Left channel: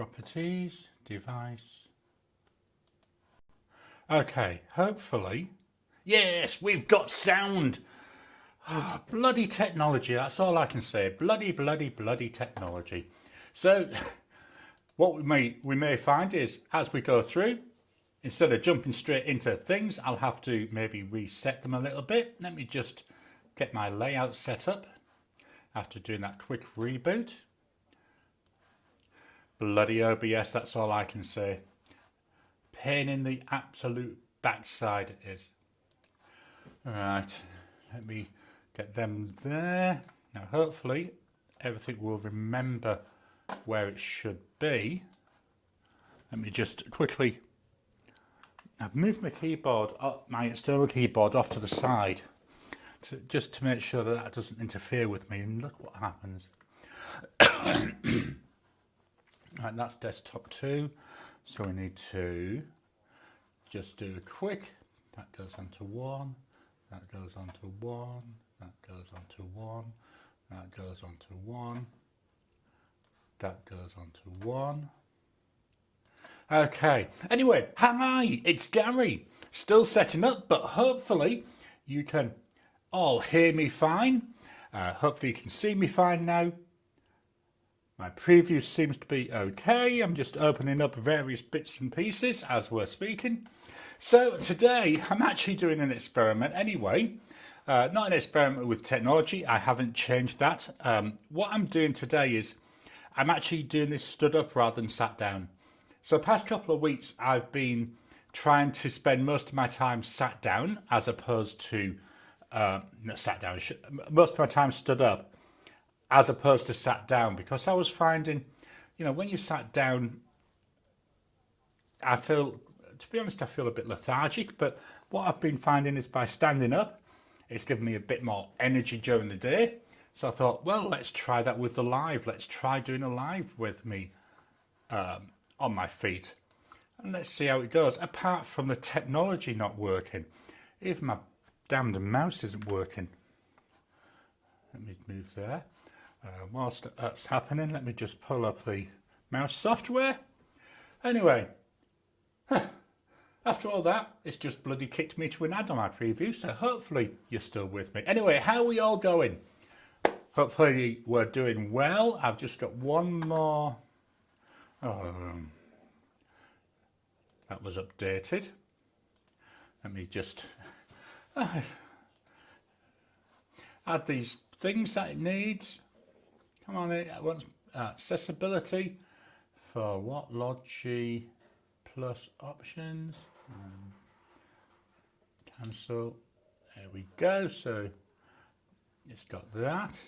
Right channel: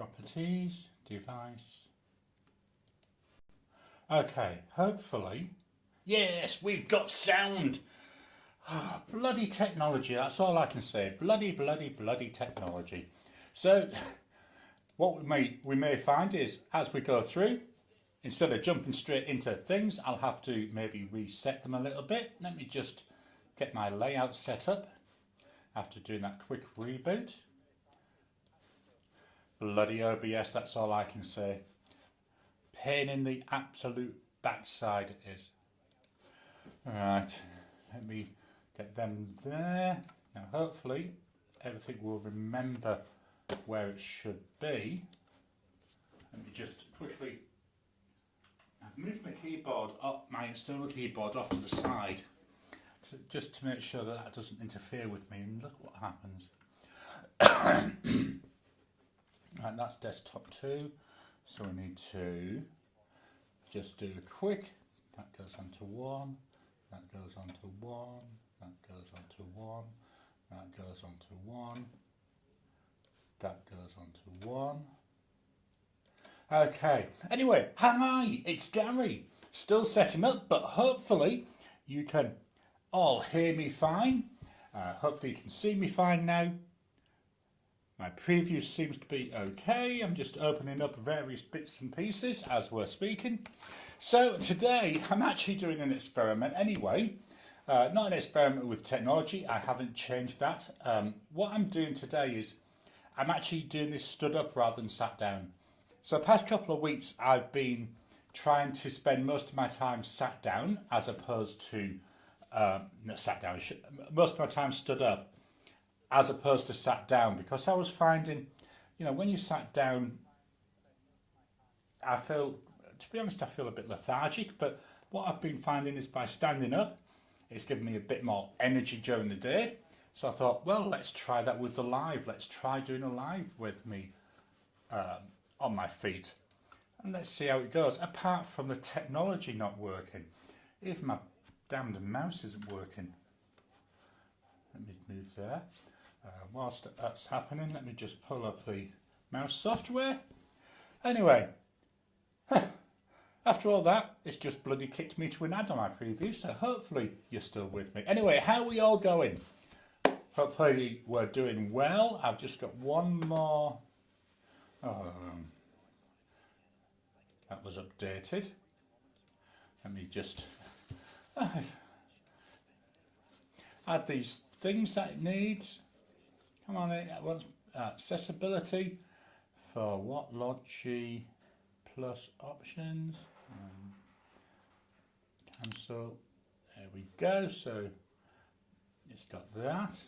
properties, device. Okay, hopefully. Yes, we've got sound. Oh, bloody technology, that's all I can say. Bloody technology. So what we may find is as we go through, instead of jumping straight into things, I'll have to maybe reset them a little bit. Let me just get my layout set up after doing that quick reboot. Bloody OBS, that's all I can say. Pain in the absolute backside it is. Alright, let me get them there. Now hopefully everything will remember where it should be. Let me just quickly, I've moved my keyboard, my external keyboard off to the side just to make sure that that doesn't interfere with me, and look what happens. Right, that's desktop 2, so we need to just do a quick, that goes onto 1, that goes onto 1, that goes onto 1, that goes onto 1, that goes onto 1. Okay, anyway, hi, it's Gary, still setting up, but hopefully you can all hear me fine. Hopefully you can see me fine now. My preview seems to be okay. I'm just opening up various bits and pieces as we're speaking. So today I'm actually doing an experiment anyway. Not an experiment with technology, I haven't changed that. What I'm doing today is I'm actually doing this stood up rather than sat down. So the past couple of weeks I've been trying to spend most of my time sat down as opposed to, not sat down, most of my time stood up as opposed to sat down, because I was finding, you know, when you sat down, I feel, to be honest, I feel a bit lethargic, but what I've been finding is by standing up, it's given me a bit more energy during the day. So I thought, well, let's try that with the live. Let's try doing a live with me on my feet. And let's see how it goes. Apart from the technology not working, even my damned mouse isn't working. Let me move there. Whilst that's happening, let me just pull up the mouse software. Anyway, after all that, it's just bloody kicked me to an ad on my preview, so hopefully you're still with me. Anyway, how are we all going? Hopefully we're doing well. I've just got one more. That was updated. Let me just add these things that it needs. Come on, it wants accessibility for what? Logi plus options. Cancel. There we go. So it's got that.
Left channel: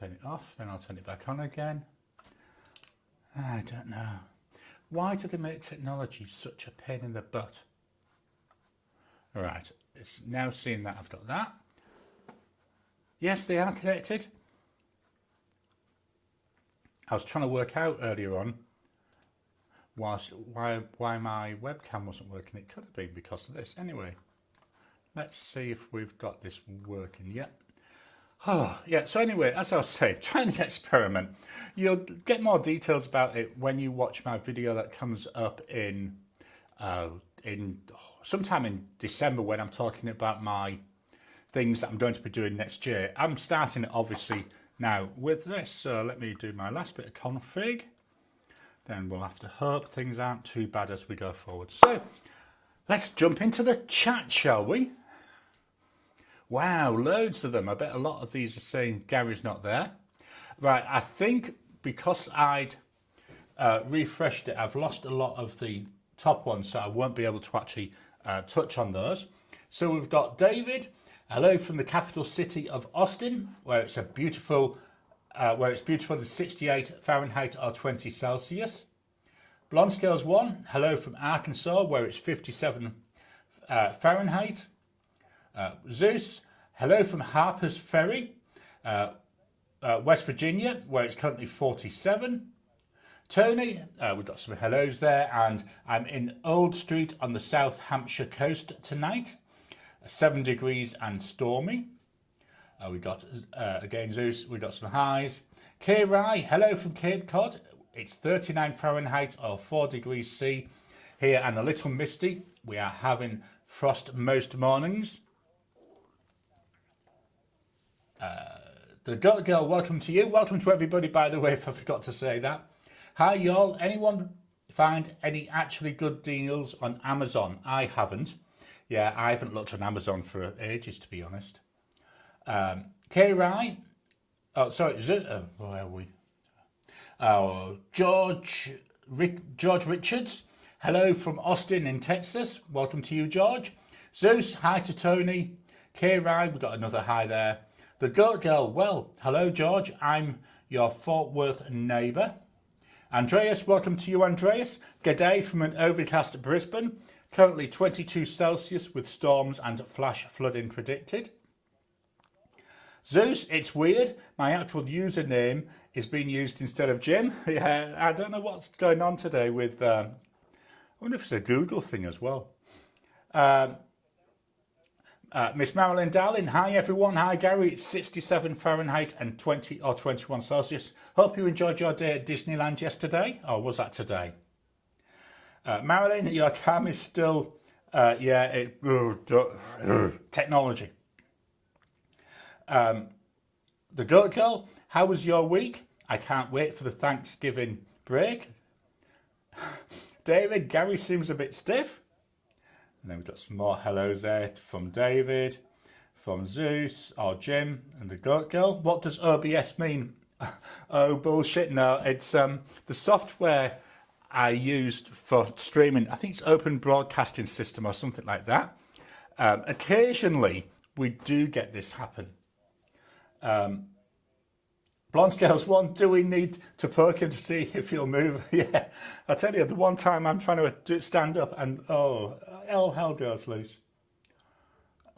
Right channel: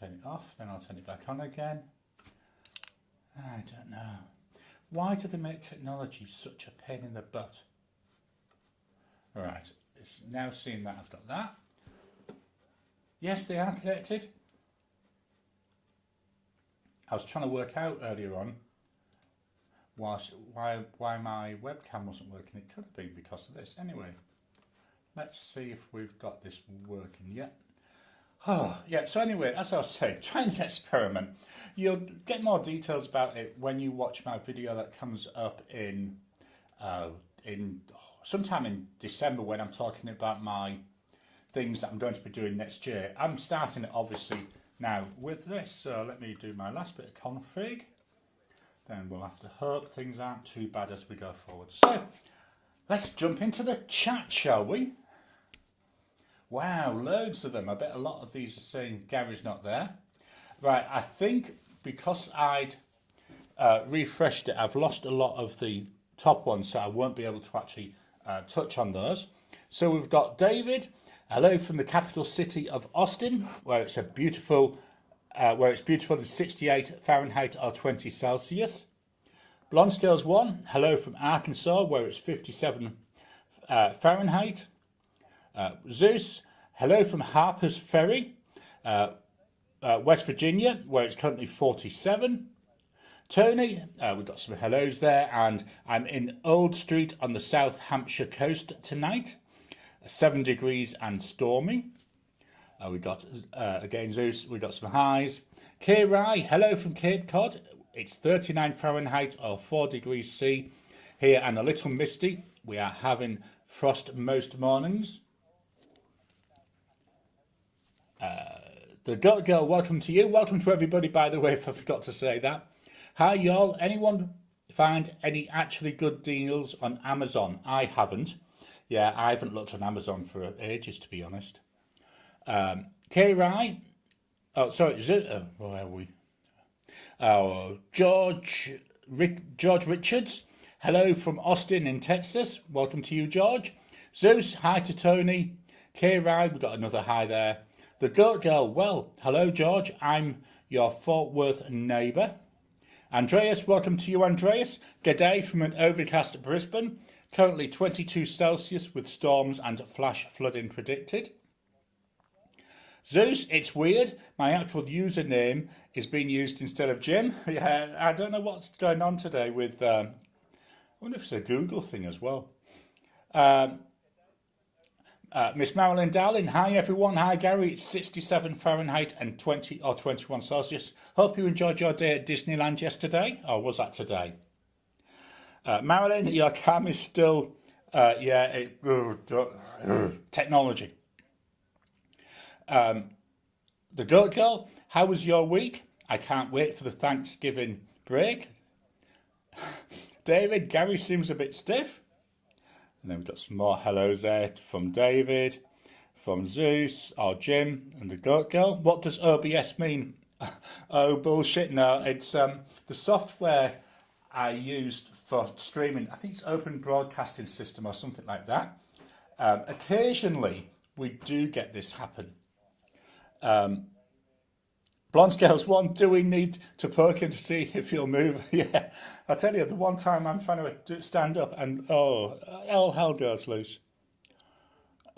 Turn it off, then I'll turn it back on again. I don't know. Why do they make technology such a pain in the butt? Right, it's now seeing that I've got that. Yes, they are connected. I was trying to work out earlier on why my webcam wasn't working. It could have been because of this. Anyway, let's see if we've got this working yet. Oh, yeah, so anyway, as I was saying, trying an experiment. You'll get more details about it when you watch my video that comes up in sometime in December, when I'm talking about my things that I'm going to be doing next year. I'm starting it obviously now with this, so let me do my last bit of config. Then we'll have to hope things aren't too bad as we go forward. So let's jump into the chat, shall we? Wow, loads of them. I bet a lot of these are saying Gary's not there. Right, I think because I'd refreshed it, I've lost a lot of the top ones, so I won't be able to actually touch on those. So we've got David. Hello from the capital city of Austin, where it's a beautiful, to 68 Fahrenheit or 20 Celsius. Blonde Scales 1. Hello from Arkansas, where it's 57 Fahrenheit. Zeus, hello from Harper's Ferry, West Virginia, where it's currently 47. Tony, we've got some hellos there, and I'm in Old Street on the South Hampshire coast tonight, 7 degrees and stormy. We got, again, Zeus, we got some highs. Kirai, hello from Cape Cod. It's 39 Fahrenheit or 4 degrees C here and a little misty. We are having frost most mornings. The Goat Girl, welcome to you. Welcome to everybody, by the way, if I forgot to say that. Hi, y'all. Anyone find any actually good deals on Amazon? I haven't. Yeah, I haven't looked on Amazon for ages, to be honest. K-Rai. Oh, sorry. Where are we? Oh, George Richards. Hello from Austin in Texas. Welcome to you, George. Zeus, hi to Tony. K-Rai, we've got another hi there. The Goat Girl, well, hello, George. I'm your Fort Worth neighbour. Andreas, welcome to you, Andreas. G'day from an overcast Brisbane. Currently 22 Celsius with storms and flash flooding predicted. Zeus, it's weird. My actual username is being used instead of Jim. Yeah, I don't know what's going on today with... I wonder if it's a Google thing as well. Miss Marilyn Darling, hi everyone. Hi Gary, it's 67 Fahrenheit and 20 or 21 Celsius. Hope you enjoyed your day at Disneyland yesterday. Or was that today? Marilyn, your cam is still... technology. The Goat Girl, how was your week? I can't wait for the Thanksgiving break. David, Gary seems a bit stiff. And then we've got some more hellos there from David, from Zeus, or Jim, and the Goat Girl. What does OBS mean? Oh, bullshit. No, it's the software I used for streaming. I think it's Open Broadcasting System or something like that. Occasionally, we do get this happen. Blonde Scales 1, do we need to poke him to see if he'll move? Yeah, I tell you, the one time I'm trying to stand up and, oh, all hell goes loose.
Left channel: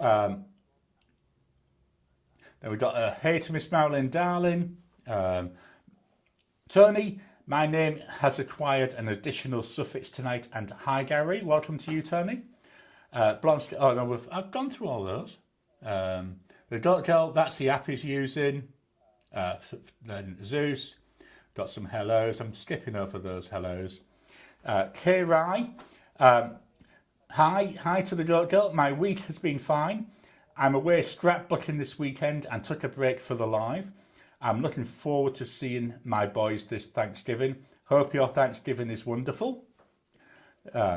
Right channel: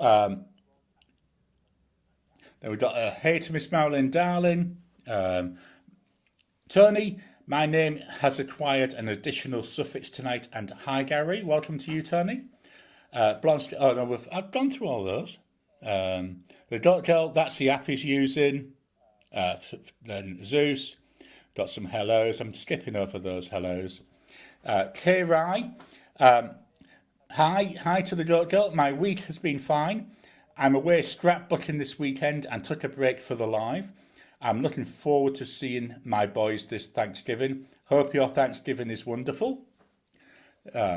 Then we've got a hey to Miss Marilyn Darling. Tony, my name has acquired an additional suffix tonight. And hi, Gary, welcome to you, Tony. Blonde Scales, oh no, I've gone through all those. The Goat Girl, that's the app he's using. Then Zeus, got some hellos. I'm skipping over those hellos. K-Rai, hi to the Goat Girl. My week has been fine. I'm away scrapbooking this weekend and took a break for the live. I'm looking forward to seeing my boys this Thanksgiving. Hope your Thanksgiving is wonderful.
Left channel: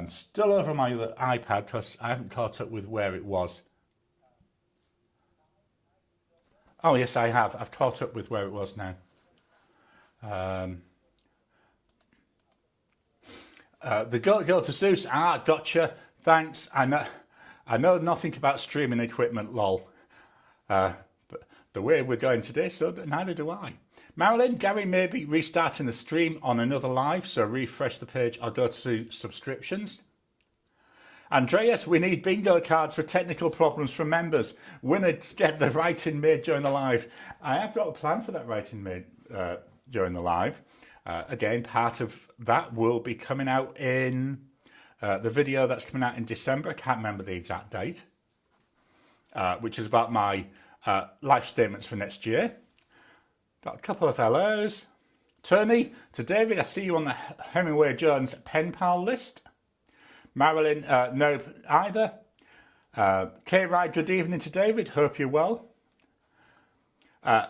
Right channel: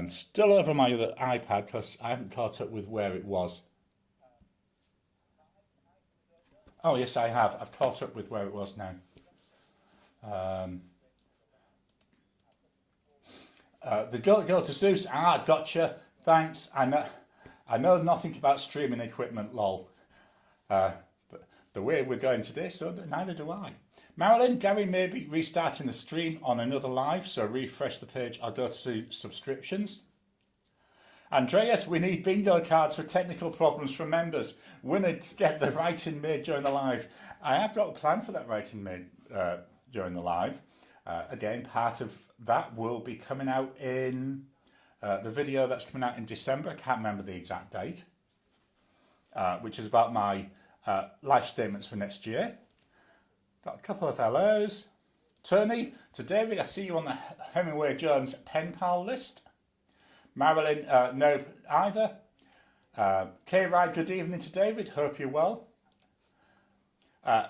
Still over my other iPad because I haven't caught up with where it was. Oh, yes, I have. I've caught up with where it was now. The Goat Girl to Zeus. Ah, gotcha. Thanks. I know nothing about streaming equipment, lol. But the way we're going today, so neither do I. Marilyn, Gary may be restarting the stream on another live, so refresh the page or go to subscriptions. Andreas, we need bingo cards for technical problems from members. Winners get the writing made during the live. I have got a plan for that writing made during the live. Again, part of that will be coming out in the video that's coming out in December. I can't remember the exact date, which is about my life statements for next year. Got a couple of hellos. Tony, to David, I see you on the Hemingway Jones pen pal list. Marilyn, no either. K-Ride, good evening to David. Hope you're well.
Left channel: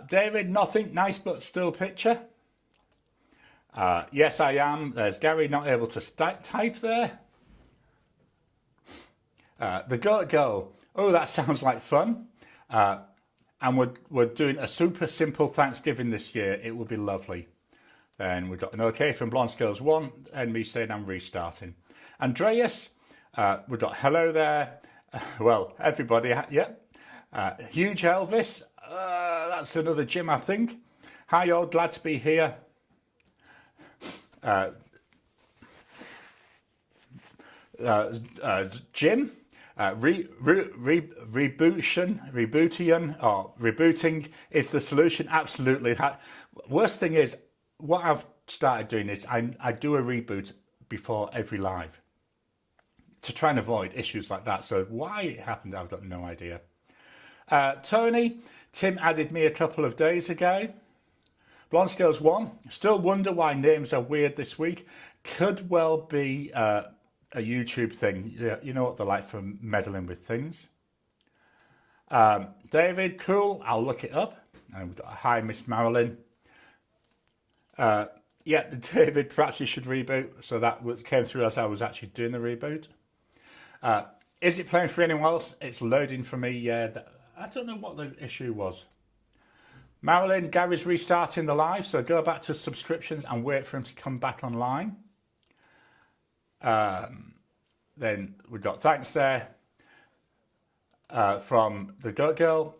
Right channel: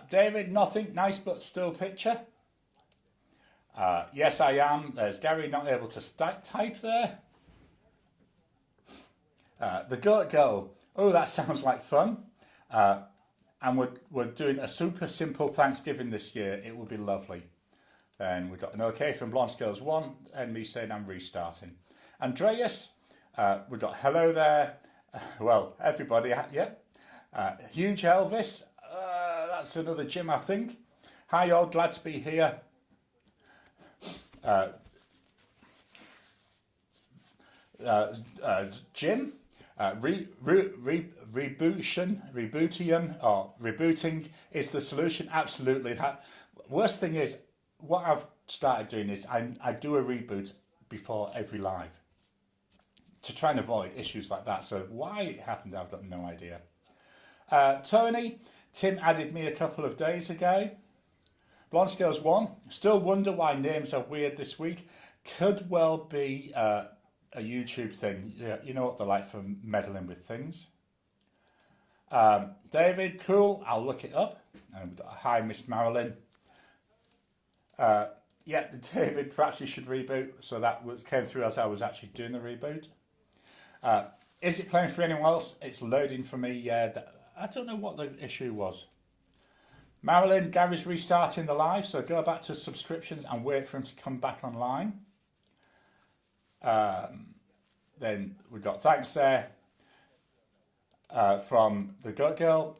David, nothing. Nice but still picture. Yes, I am. There's Gary not able to type there. The Goat Girl. Oh, that sounds like fun. And we're doing a super simple Thanksgiving this year. It will be lovely. Then we've got an okay from Blonde Scales 1 and me saying I'm restarting. Andreas, we've got hello there. Well, everybody, yeah. Huge Elvis, that's another Jim, I think. Hi all, glad to be here. Jim, rebooting is the solution. Absolutely. Worst thing is, what I've started doing is I do a reboot before every live to try and avoid issues like that. So why it happened, I've got no idea. Tony, Tim added me a couple of days ago. Blonde Scales 1. Still wonder why names are weird this week. Could well be a YouTube thing. Yeah, you know what they're like for meddling with things. David, cool. I'll look it up. And we've got hi, Miss Marilyn. Yeah, David, perhaps you should reboot. So that came through as I was actually doing the reboot. Is it playing for anyone else? It's loading for me. Yeah, I don't know what the issue was. Marilyn, Gary's restarting the live, so go back to subscriptions and wait for him to come back online. Then we've got thanks there from the Goat Girl.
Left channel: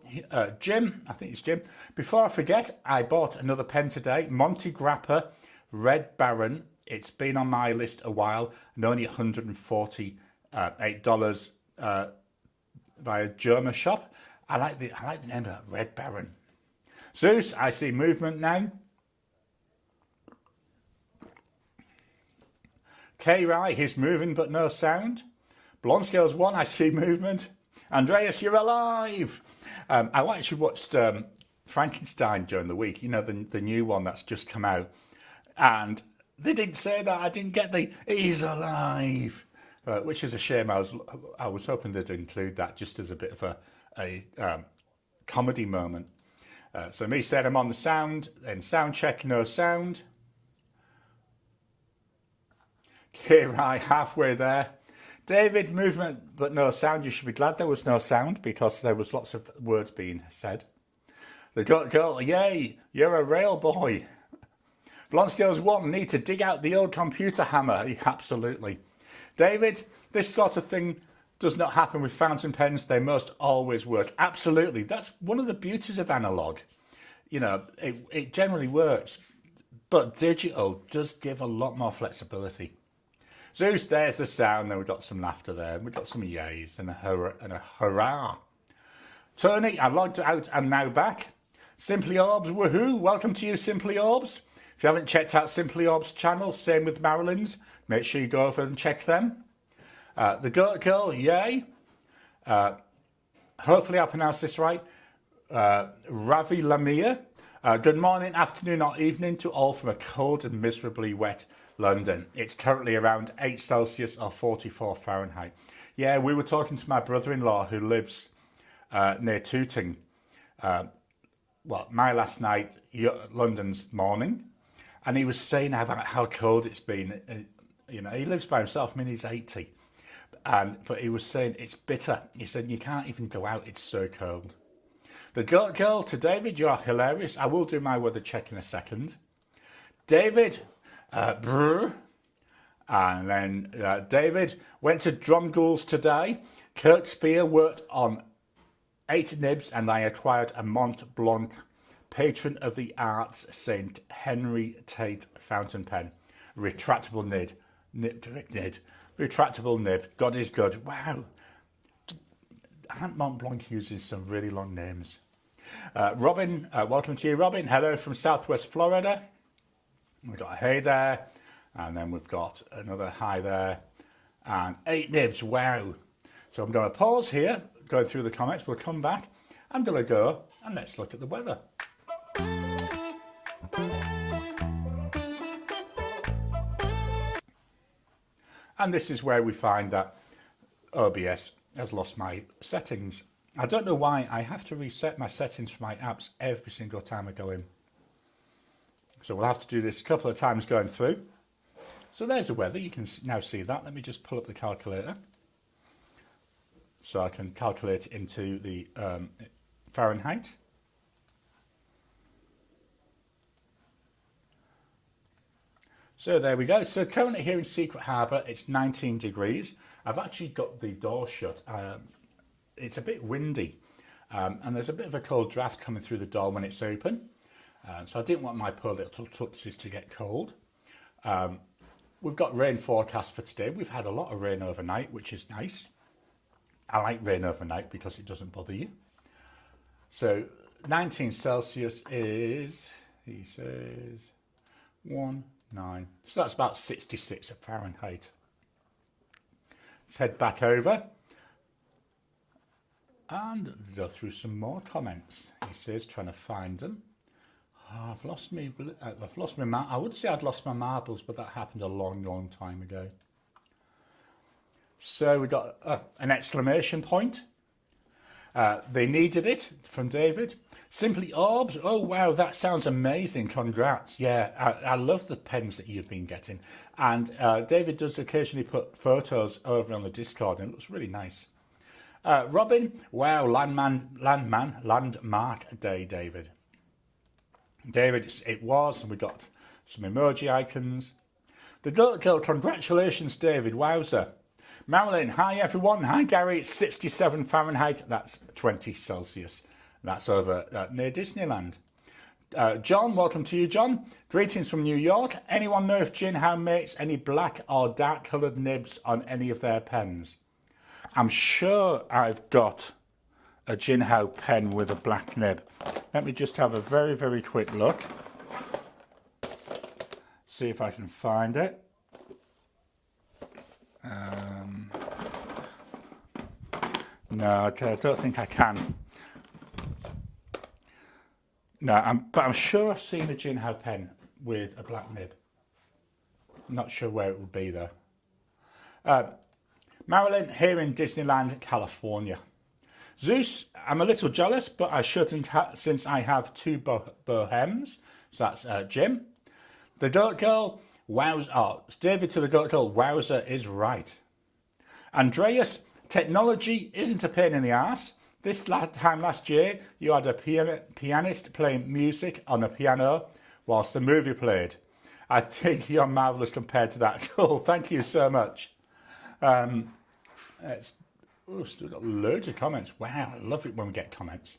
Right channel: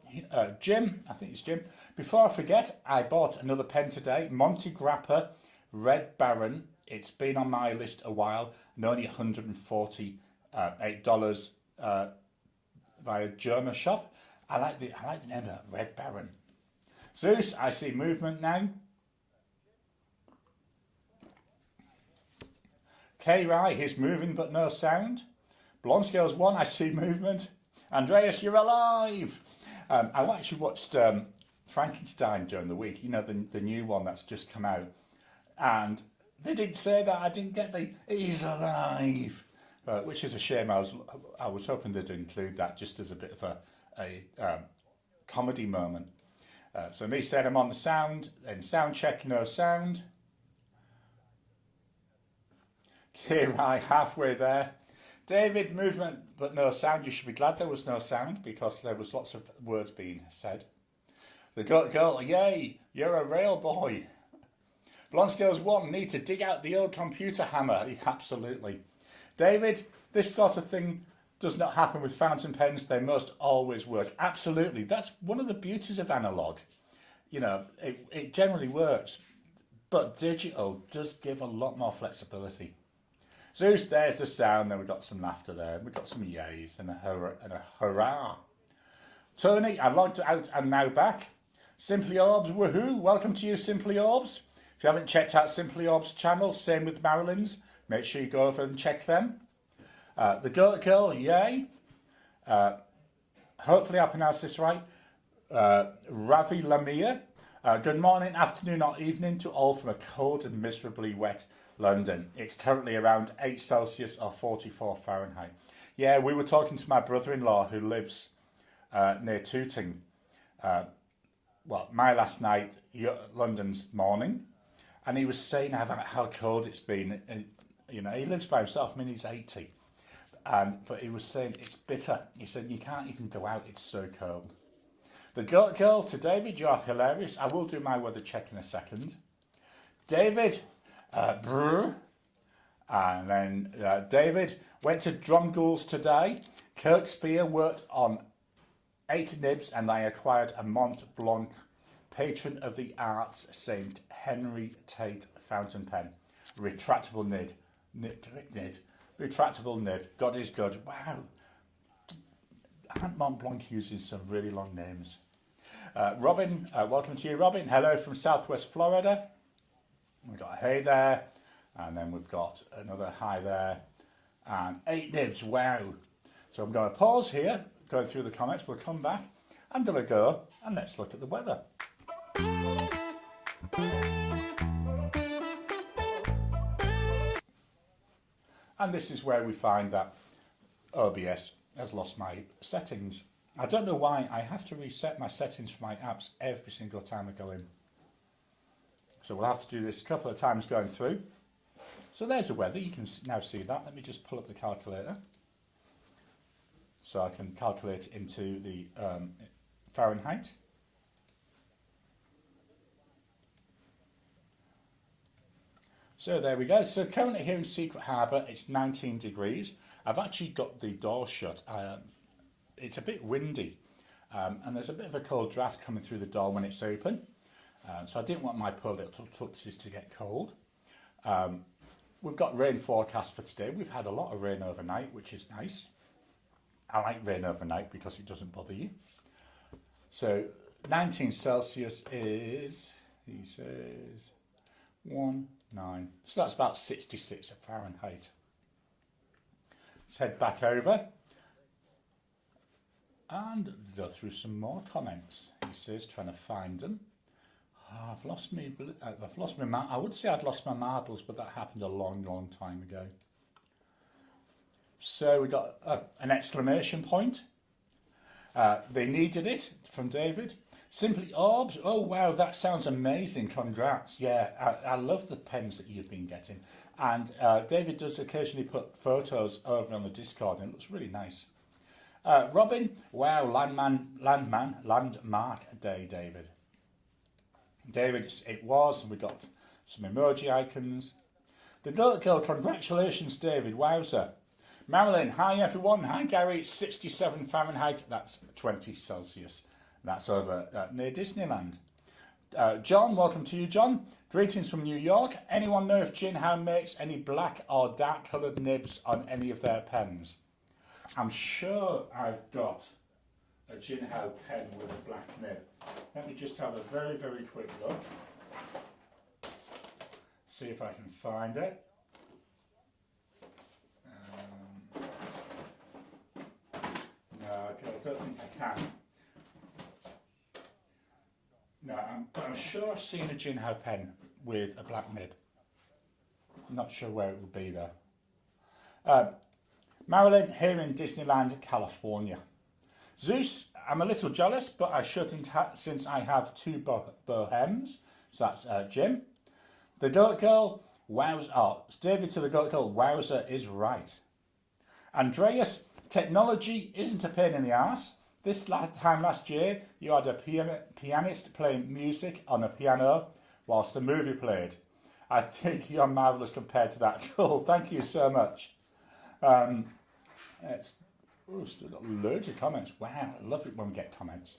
Jim, I think it's Jim. Before I forget, I bought another pen today. Monty Grappa Red Baron. It's been on my list a while and only $148 via German shop. I like the name of that, Red Baron. Zeus, I see movement now. K-Rai, he's moving but no sound. Blonde Scales 1, I see movement. Andreas, you're alive. I actually watched Frankenstein during the week, you know, the new one that's just come out. And they didn't say that. I didn't get he's alive, which is a shame. I was hoping they'd include that just as a bit of a comedy moment. So me said I'm on the sound, then sound check, no sound. K-Rai, halfway there. David, movement but no sound. You should be glad there was no sound because there was lots of words being said. The Goat Girl, yay, you're a rail boy. Blonde Scales 1, need to dig out the old computer hammer. Absolutely. David, this sort of thing does not happen with fountain pens. They must always work. Absolutely. That's one of the beauties of analog. You know, it generally works. But digital does give a lot more flexibility. Zeus, there's the sound. Then we've got some laughter there. We've got some yays and a hurrah. Tony, I logged out and now back. Simply Orbs, woohoo. Welcome to you, Simply Orbs. If you haven't checked out Simply Orbs' channel, same with Marilyn's, make sure you go over and check them. The Goat Girl, yay. Hopefully I pronounced this right. Ravi Lamia. Good morning, afternoon or evening to all from a cold and miserably wet London. It's currently around 8 Celsius or 44 Fahrenheit. Yeah, we were talking to my brother-in-law who lives near Tooting. My last night, London's morning. And he was saying about how cold it's been. You know, he lives by himself. I mean, he's 80. But he was saying it's bitter. He said, you can't even go out. It's so cold. The Goat Girl, to David, you are hilarious. I will do my weather check in a second. David, brr. And then David went to Drumgools today. Kirk Spear worked on 8 nibs and I acquired a Mont Blanc Patron of the Arts St. Henry Tate fountain pen. Retractable nib. Retractable nib. God is good. Wow. Aunt Mont Blanc uses some really long names. Robin, welcome to you, Robin. Hello from Southwest Florida. We've got a hey there. And then we've got another hi there. And 8 nibs. Wow. So I'm going to pause here, going through the comments. We'll come back. I'm going to go and let's look at the weather. And this is where we find that OBS has lost my settings. I don't know why. I have to reset my settings for my apps every single time I go in. So we'll have to do this a couple of times going through. So there's the weather. You can now see that. Let me just pull up the calculator. So I can calculate into the Fahrenheit. So there we go. So currently here in Secret Harbour, it's 19 degrees. I've actually got the door shut. It's a bit windy and there's a bit of a cold draft coming through the door when it's open. So I didn't want my poor little tootsies to get cold. We've got rain forecast for today. We've had a lot of rain overnight, which is nice. I like rain overnight because it doesn't bother you. So 19 Celsius is, he says, 19. So that's about 66 Fahrenheit. Let's head back over. And go through some more comments. He says, trying to find them. Oh, I've lost my I would say I'd lost my marbles, but that happened a long time ago. So we got an exclamation point. They needed it from David. Simply Orbs. Oh wow, that sounds amazing. Congrats. Yeah, I love the pens that you've been getting. And David does occasionally put photos over on the Discord, and it looks really nice. Robin, wow, Landmark Day, David. David, it was, and we got some emoji icons. The girl, congratulations, David. Wowzer. Marilyn, hi everyone. Hi Gary, it's 67 Fahrenheit. That's 20 Celsius. That's over near Disneyland. John, welcome to you, John. Greetings from New York. Anyone know if Jinhao makes any black or dark coloured nibs on any of their pens? I'm sure I've got a Jinhao pen with a black nib. Let me just have a very quick look. See if I can find it. No, okay, I don't think I can. No, but I'm sure I've seen a Jinhao pen with a black nib. I'm not sure where it would be though. Marilyn, here in Disneyland, California. Zeus, I'm a little jealous, but I shouldn't since I have two bohems. So that's Jim. The Goat Girl, wowza. Oh, David to the Goat Girl, wowza is right. Andreas, technology isn't a pain in the arse. This time last year, you had a pianist playing music on a piano whilst the movie played. I think you're marvellous compared to that. Cool, thank you so much. Still got loads of comments. Wow, I love it when we get comments.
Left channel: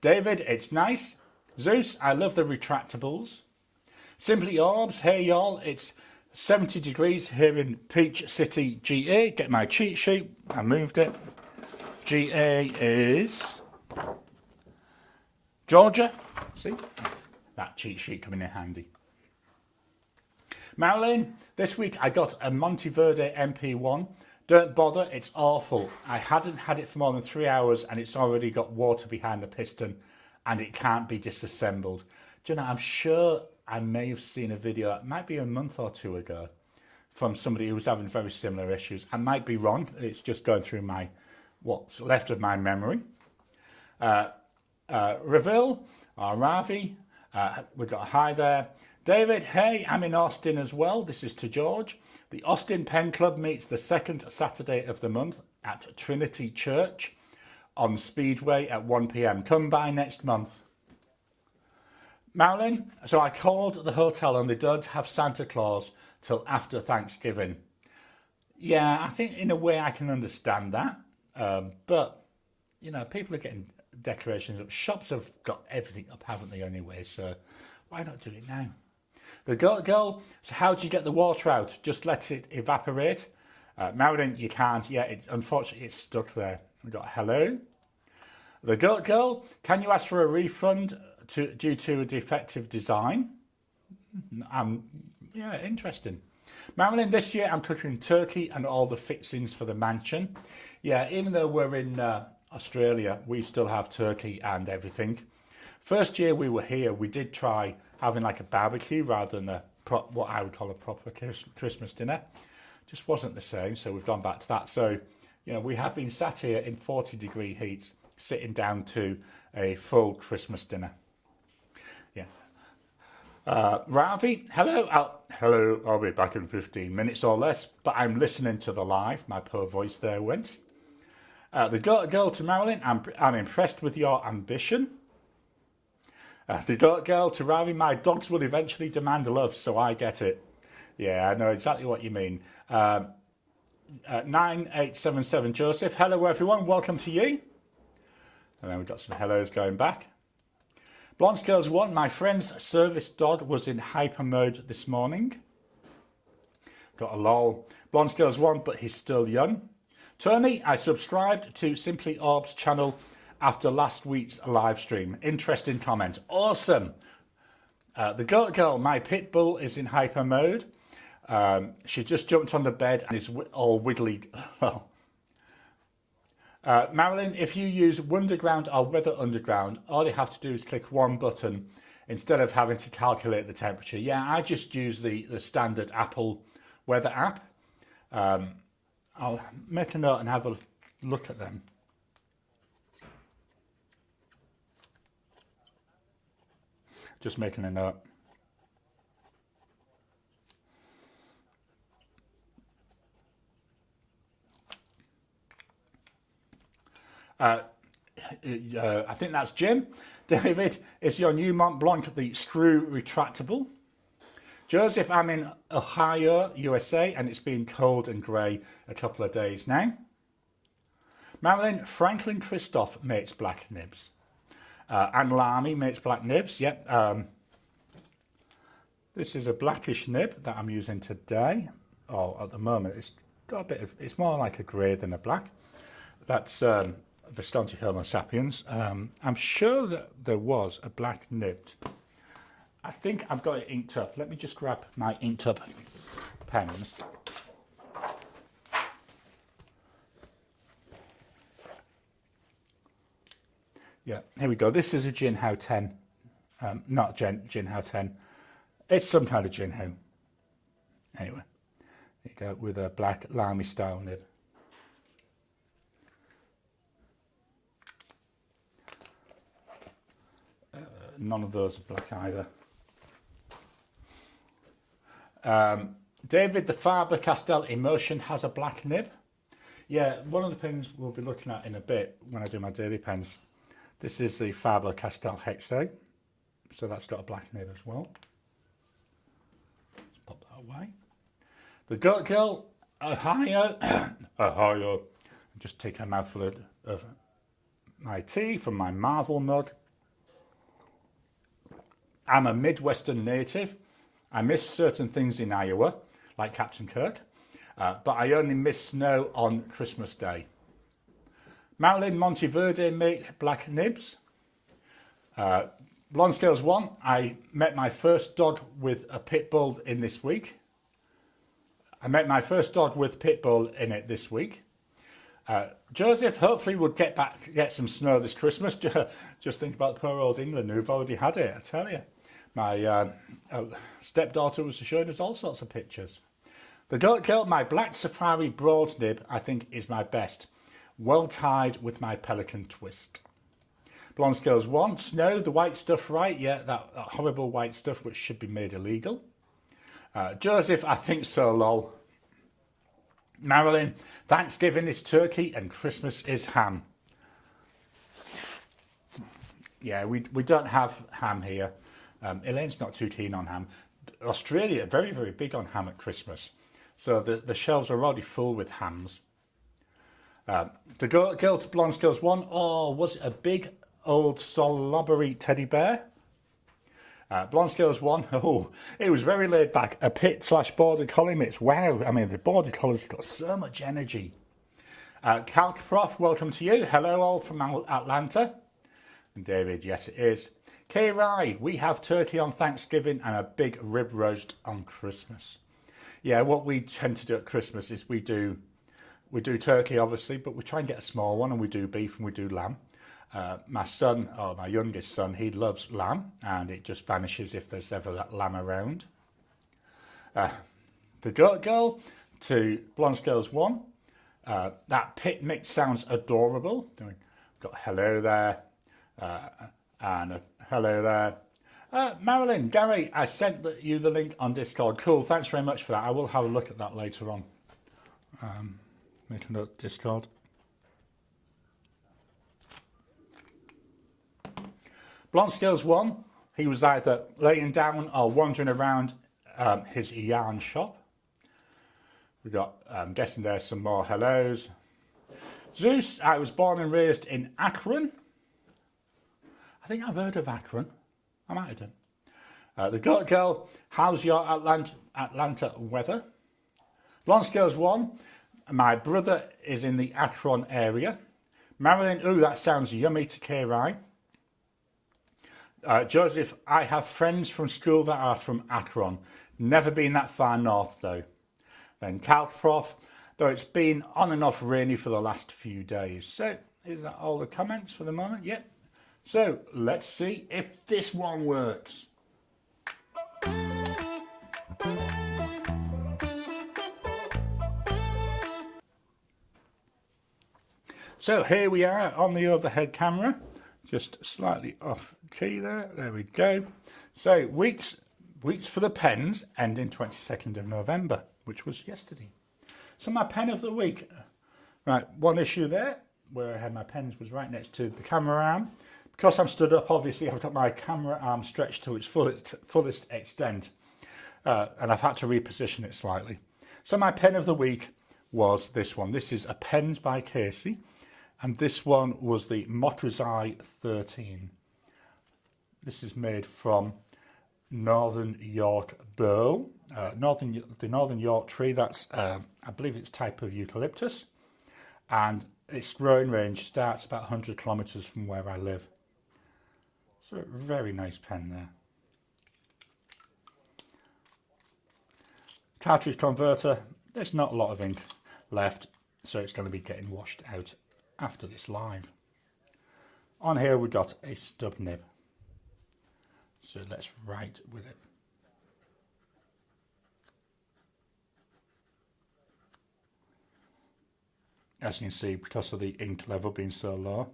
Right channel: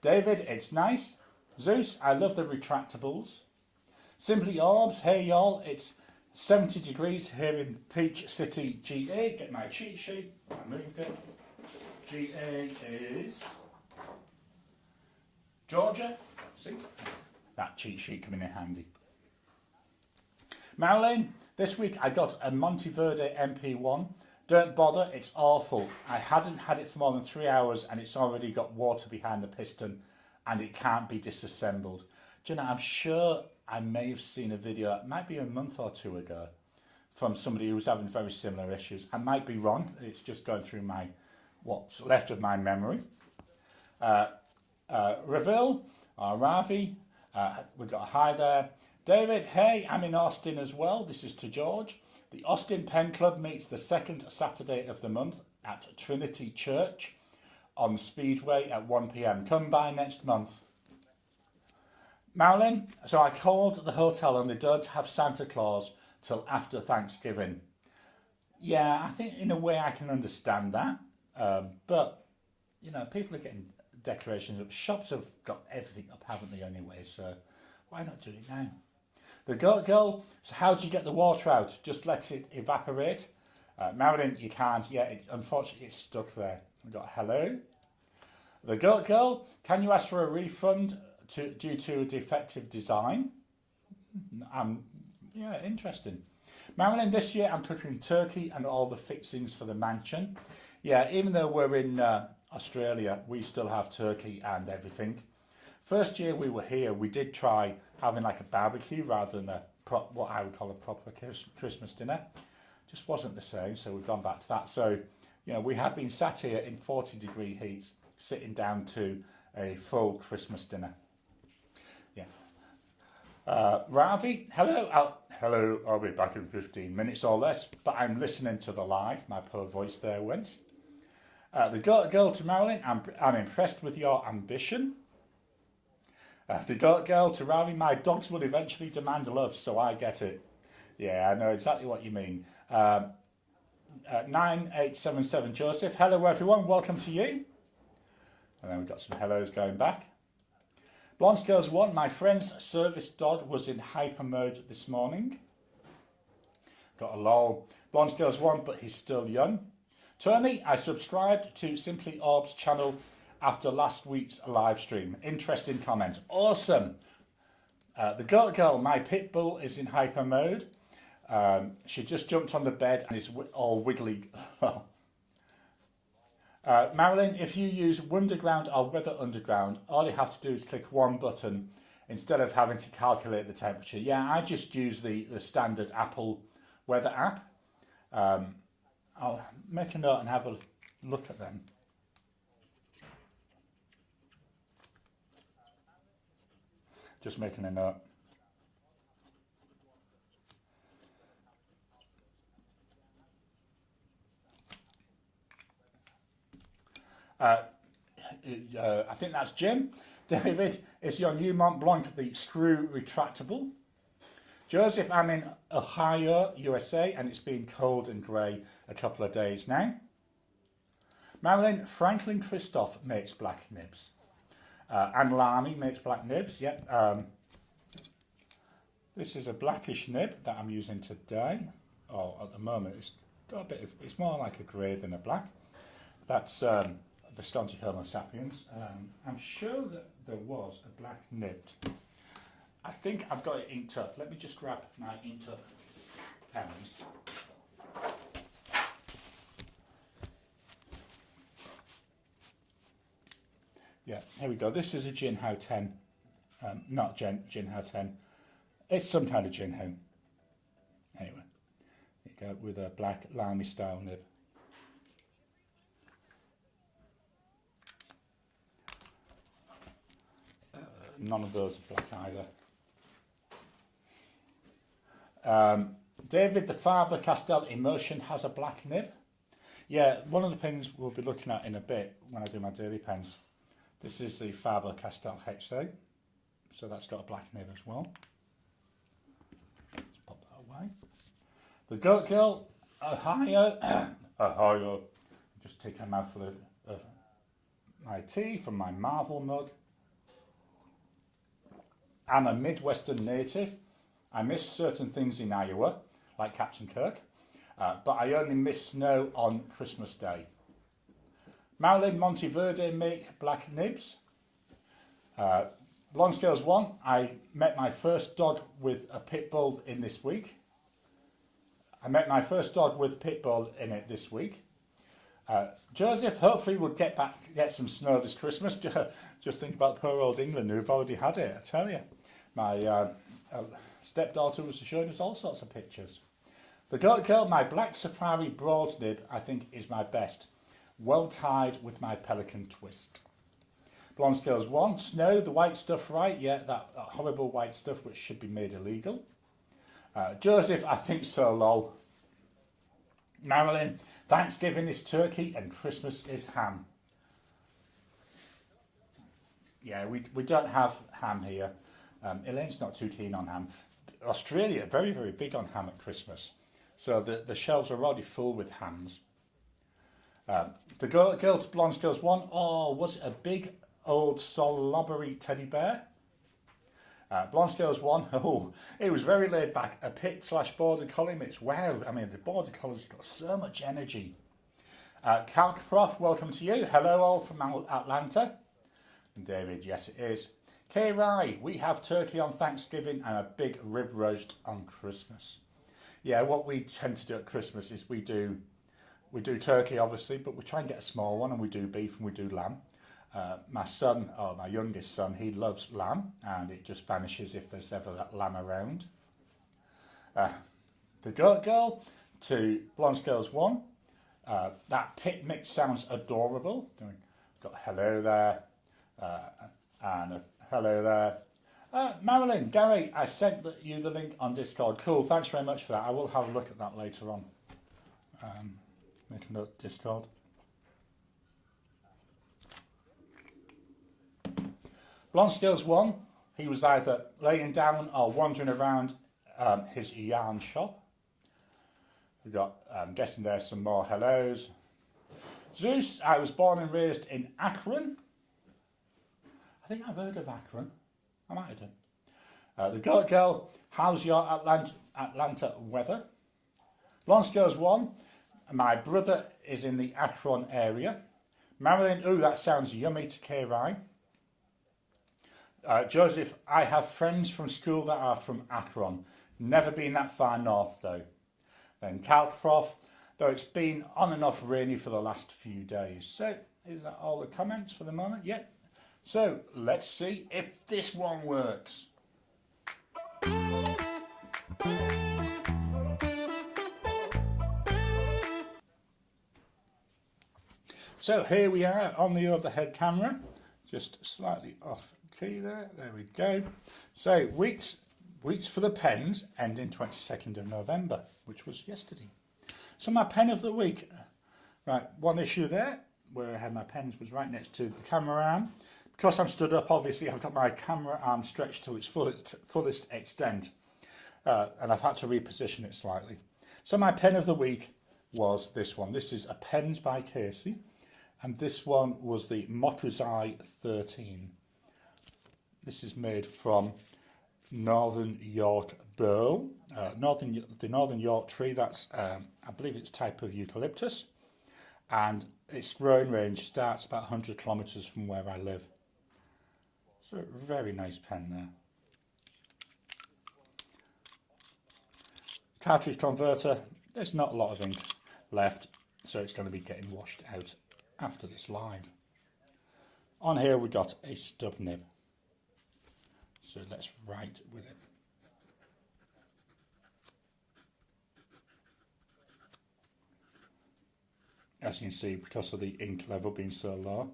David, it's nice. Zeus, I love the retractables. Simply Orbs, hey y'all, it's 70 degrees here in Peach City, GA. Get my cheat sheet, I moved it. GA is Georgia. See, that cheat sheet coming in handy. Marilyn, this week I got a Monteverde MP1. Don't bother, it's awful. I hadn't had it for more than 3 hours and it's already got water behind the piston and it can't be disassembled. Do you know, I'm sure I may have seen a video, it might be a month or two ago, from somebody who was having very similar issues. I might be wrong, it's just going through my what's left of my memory. Ravi, we've got a hi there. David, hey, I'm in Austin as well. This is to George. The Austin Pen Club meets the second Saturday of the month at Trinity Church on Speedway at 1 p.m. Come by next month. Marilyn, so I called the hotel and they don't have Santa Claus till after Thanksgiving. Yeah, I think in a way I can understand that. But, you know, people are getting decorations up. Shops have got everything up, haven't they, anyway? So why not do it now? The girl, so how do you get the water out? Just let it evaporate. Marilyn, you can't. Yeah, unfortunately, it's stuck there. We've got hello. The girl, can you ask for a refund due to a defective design? Yeah, interesting. Marilyn, this year I'm cooking turkey and all the fixings for the mansion. Yeah, even though we're in Australia, we still have turkey and everything. First year we were here, we did try having like a barbecue rather than what I would call a proper Christmas dinner. Just wasn't the same, so we've gone back to that. So, yeah, we have been sat here in 40-degree heats, sitting down to a full Christmas dinner. Yeah. Ravi, hello. Hello, I'll be back in 15 minutes or less, but I'm listening to the live. My poor voice there went. The girl to Marilyn, I'm impressed with your ambition. The girl to Ravi, my dogs will eventually demand love, so I get it. Yeah, I know exactly what you mean. 9877 Joseph, hello everyone, welcome to you. And then we've got some hellos going back. Blonde Scales 1, my friend's service dog was in hyper mode this morning. Got a lol. Blonde Scales 1, but he's still young. Tony, I subscribed to Simply Orb's channel after last week's live stream. Interesting comment. Awesome. The girl, my pit bull is in hyper mode. She just jumped on the bed and is all wiggly. Well, Marilyn, if you use Wonderground or Weather Underground, all you have to do is click one button instead of having to calculate the temperature. Yeah, I just use the standard Apple weather app. I'll make a note and have a look at them. Just making a note. I think that's Jim. David, it's your new Mont Blanc, the screw retractable. Joseph, I'm in Ohio, USA, and it's been cold and grey a couple of days now. Marilyn, Franklin Christoph makes black nibs. Anne Lamy makes black nibs, yep. This is a blackish nib that I'm using today. Oh, at the moment, it's got a bit of, it's more like a grey than a black. That's Visconti Homo sapiens. I'm sure that there was a black nibbed. I think I've got it inked up. Let me just grab my inked up pens. Yeah, here we go. This is a Jinhao 10. Not Jinhao 10. It's some kind of Jinhao. Anyway, there you go, with a black Lamy style nib. None of those are black either. David, the Faber-Castell Emotion has a black nib. Yeah, one of the pens we'll be looking at in a bit when I do my daily pens. This is the Faber-Castell Hexo, so that's got a black nib as well. Let's pop that away. The Goat Girl, Ohio. Ohio. Just take a mouthful of my tea from my Marvel mug. I'm a Midwestern native. I miss certain things in Iowa, like Captain Kirk, but I only miss snow on Christmas Day. Marilyn, Monteverde make black nibs. Blonde Scales 1, I met my first dog with a pit bull in this week. I met my first dog with pit bull in it this week. Joseph, hopefully we'll get some snow this Christmas. Just think about poor old England who've already had it, I tell you. My stepdaughter was showing us all sorts of pictures. The Goat Girl, my black safari broad nib, I think is my best. Well tied with my pelican twist. Blonde Scales 1, Snow, the white stuff, right? Yeah, that horrible white stuff which should be made illegal. Joseph, I think so, lol. Marilyn, Thanksgiving is turkey and Christmas is ham. Yeah, we don't have ham here. Elaine's not too keen on ham. Australia, very, very big on ham at Christmas. So the shelves are already full with hams. The Girl to Blonde Scales 1, oh, was it a big old slobbery teddy bear? Blonde Scales 1, oh, it was very laid back. A pit / border collie mix. Wow, I mean, the border collie's got so much energy. Calc Prof, welcome to you. Hello all from Atlanta. And David, yes it is. K Rye, we have turkey on Thanksgiving and a big rib roast on Christmas. Yeah, what we tend to do at Christmas is we do turkey obviously, but we try and get a small one, and we do beef and we do lamb. My son, or my youngest son, he loves lamb, and it just vanishes if there's ever that lamb around. The Goat Girl to Blonde Scales 1. That pit mix sounds adorable. Got hello there, and a hello there. Marilyn, Gary, I sent you the link on Discord. Cool, thanks very much for that. I will have a look at that later on. Make a note, Discord. Blonde Scales 1, he was either laying down or wandering around his yarn shop. We got, I'm guessing there's some more hellos. Zeus, I was born and raised in Akron. I think I've heard of Akron. I might have done. The Goat Girl, how's your Atlanta weather? Blonde Scales 1, my brother is in the Akron area. Marilyn, ooh, that sounds yummy to K. Rye. Joseph, I have friends from school that are from Akron. Never been that far north though. Then Cal Prof, though it's been on and off rainy for the last few days. So is that all the comments for the moment? Yep. So let's see if this one works. So here we are on the overhead camera, just slightly off key there. There we go. So weeks for the pens ending 22nd of November, which was yesterday. So my pen of the week. Right, one issue there where I had my pens was right next to the camera arm. Because I'm stood up, obviously I've got my camera arm stretched to its fullest extent, and I've had to reposition it slightly. So my pen of the week was this one. This is a Pens by Casey. And this one was the Motrazai 13. This is made from Northern York burl, the Northern York tree. That's, I believe it's type of eucalyptus. And its growing range starts about 100 kilometres from where I live. So very nice pen there. Cartridge converter, there's not a lot of ink left, so it's going to be getting washed out after this live. On here we got a stub nib, so let's write with it. As you can see, because of the ink level being so low,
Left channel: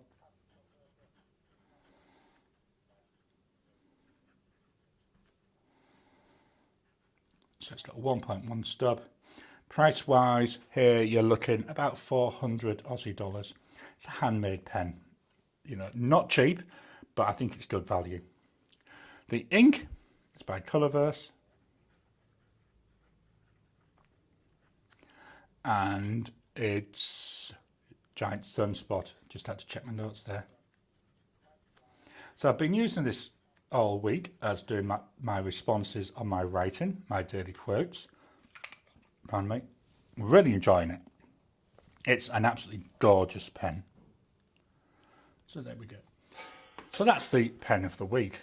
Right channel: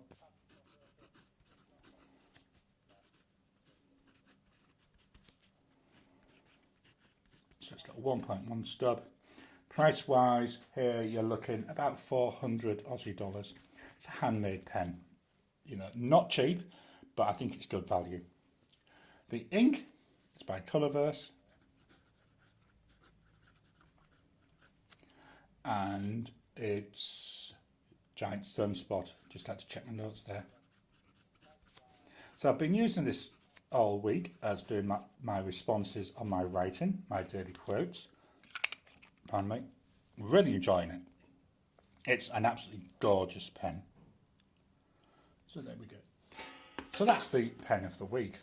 so it's got a 1.1 stub. Price wise, here you're looking about 400 Aussie dollars. It's a handmade pen, you know, not cheap, but I think it's good value. The ink is by Colourverse, and it's Giant Sunspot. Just had to check my notes there. So I've been using this all week as doing my responses on my writing, my daily quotes. Pardon me. Really enjoying it. It's an absolutely gorgeous pen. So there we go. So that's the pen of the week.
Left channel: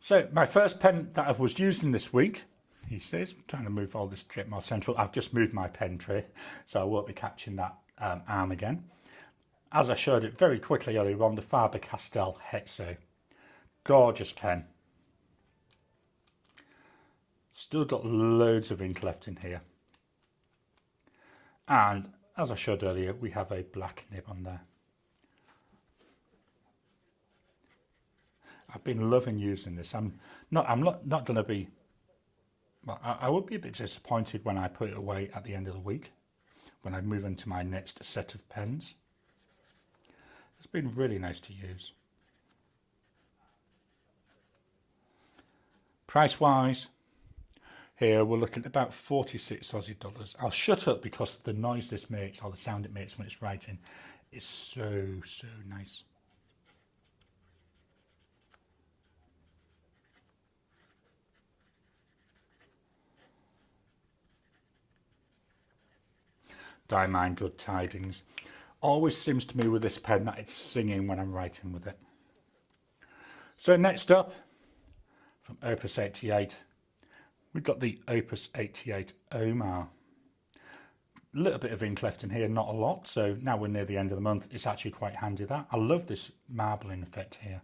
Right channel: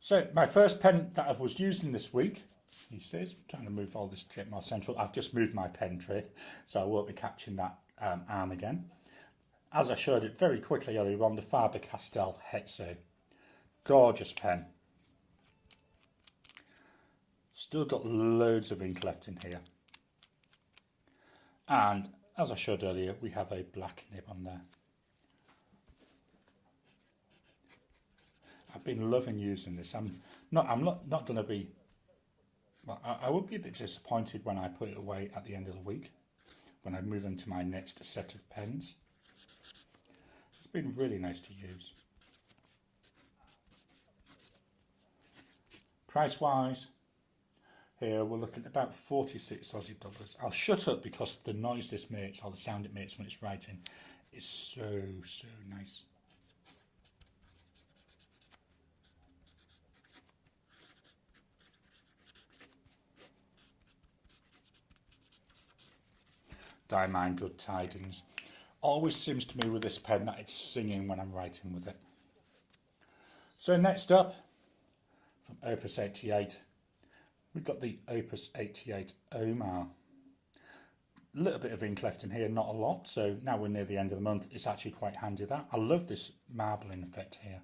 So my first pen that I was using this week, he says, I'm trying to move all this to get more central. I've just moved my pen tray, so I won't be catching that arm again. As I showed it very quickly earlier on, the Faber-Castell Hexo. Gorgeous pen. Still got loads of ink left in here. And as I showed earlier, we have a black nib on there. I've been loving using this. I'm not going to be, well, I would be a bit disappointed when I put it away at the end of the week, when I move into my next set of pens. It's been really nice to use. Price wise, here we're looking at about 46 Aussie dollars. I'll shut up because the noise this makes, or the sound it makes when it's writing, is so nice. Diamine Good Tidings. Always seems to me with this pen that it's singing when I'm writing with it. So next up, from Opus 88, we've got the Opus 88 Omar. A little bit of ink left in here, not a lot, so now we're near the end of the month, it's actually quite handy that. I love this marbling effect here.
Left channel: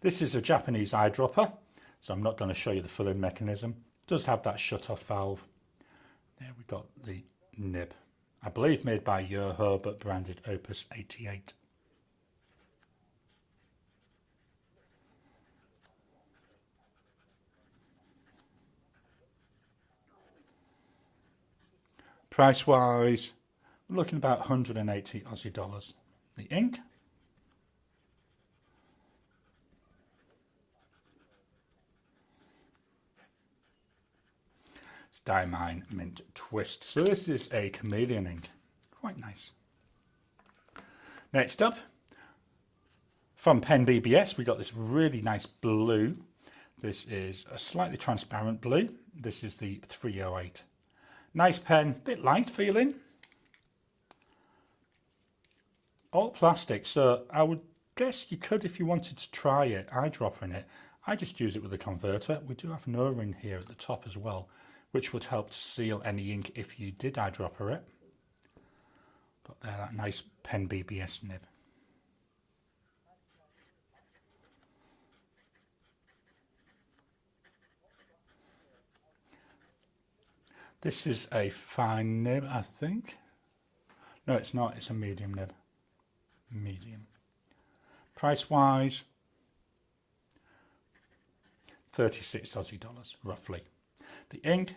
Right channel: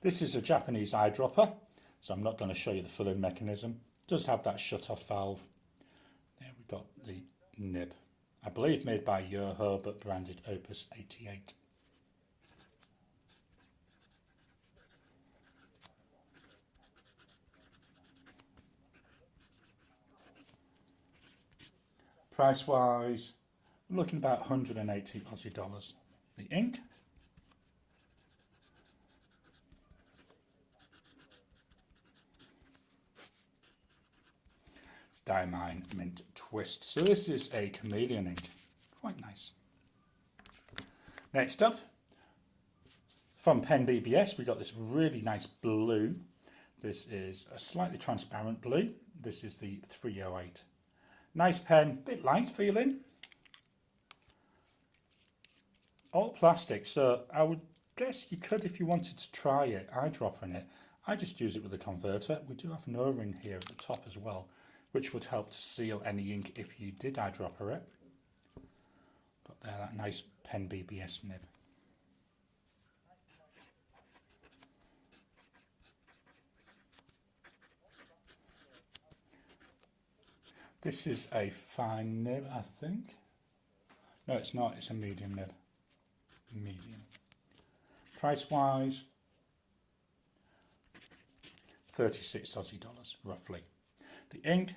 This is a Japanese eyedropper, so I'm not going to show you the filling mechanism. It does have that shut-off valve. There we've got the nib. I believe made by Yoho, but branded Opus 88. Price wise, we're looking about 180 Aussie dollars. The ink, it's Diamine Mint Twist. So this is a chameleon ink, quite nice. Next up, from Pen BBS, we got this really nice blue. This is a slightly transparent blue. This is the 308. Nice pen, bit light feeling. all plastic, so I would guess you could, if you wanted to try it, eyedropping it. I just use it with a converter. We do have an O-ring here at the top as well, which would help to seal any ink if you did eyedropper it. Got there that nice pen BBS nib. This is a fine nib, I think. No, it's not. It's a medium nib. Medium. Price wise, 36 Aussie dollars, roughly. The ink,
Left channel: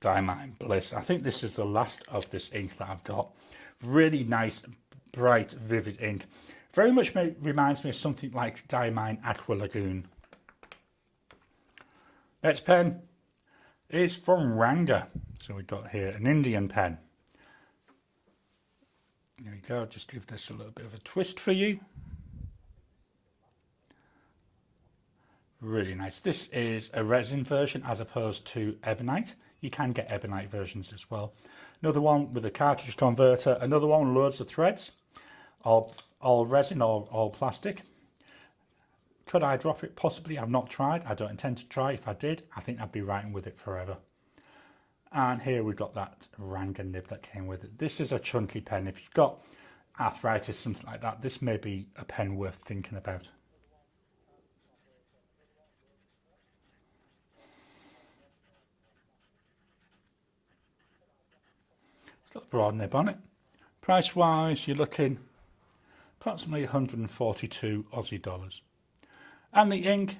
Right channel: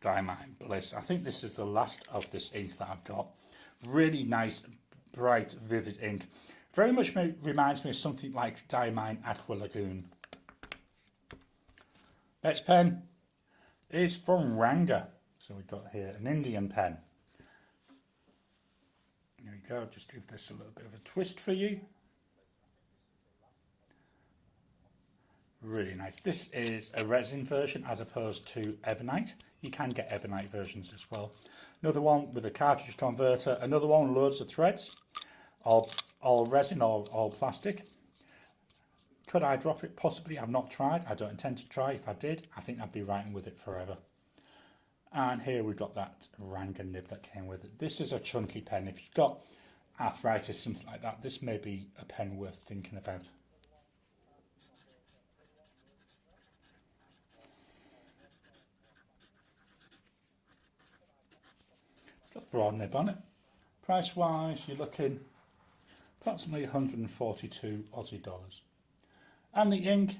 Diamine Bliss. I think this is the last of this ink that I've got. Really nice, bright, vivid ink. Very much reminds me of something like Diamine Aqua Lagoon. Next pen is from Ranga. So we've got here an Indian pen. There we go, just give this a little bit of a twist for you. Really nice. This is a resin version as opposed to ebonite. You can get ebonite versions as well. Another one with a cartridge converter. Another one, loads of threads. All resin or all plastic. Could I drop it? Possibly. I've not tried. I don't intend to try. If I did, I think I'd be writing with it forever. And here we've got that Ranga nib that came with it. This is a chunky pen. If you've got arthritis, something like that, this may be a pen worth thinking about. It's got a broad nib on it. Price wise, you're looking approximately 142 Aussie dollars. And the ink,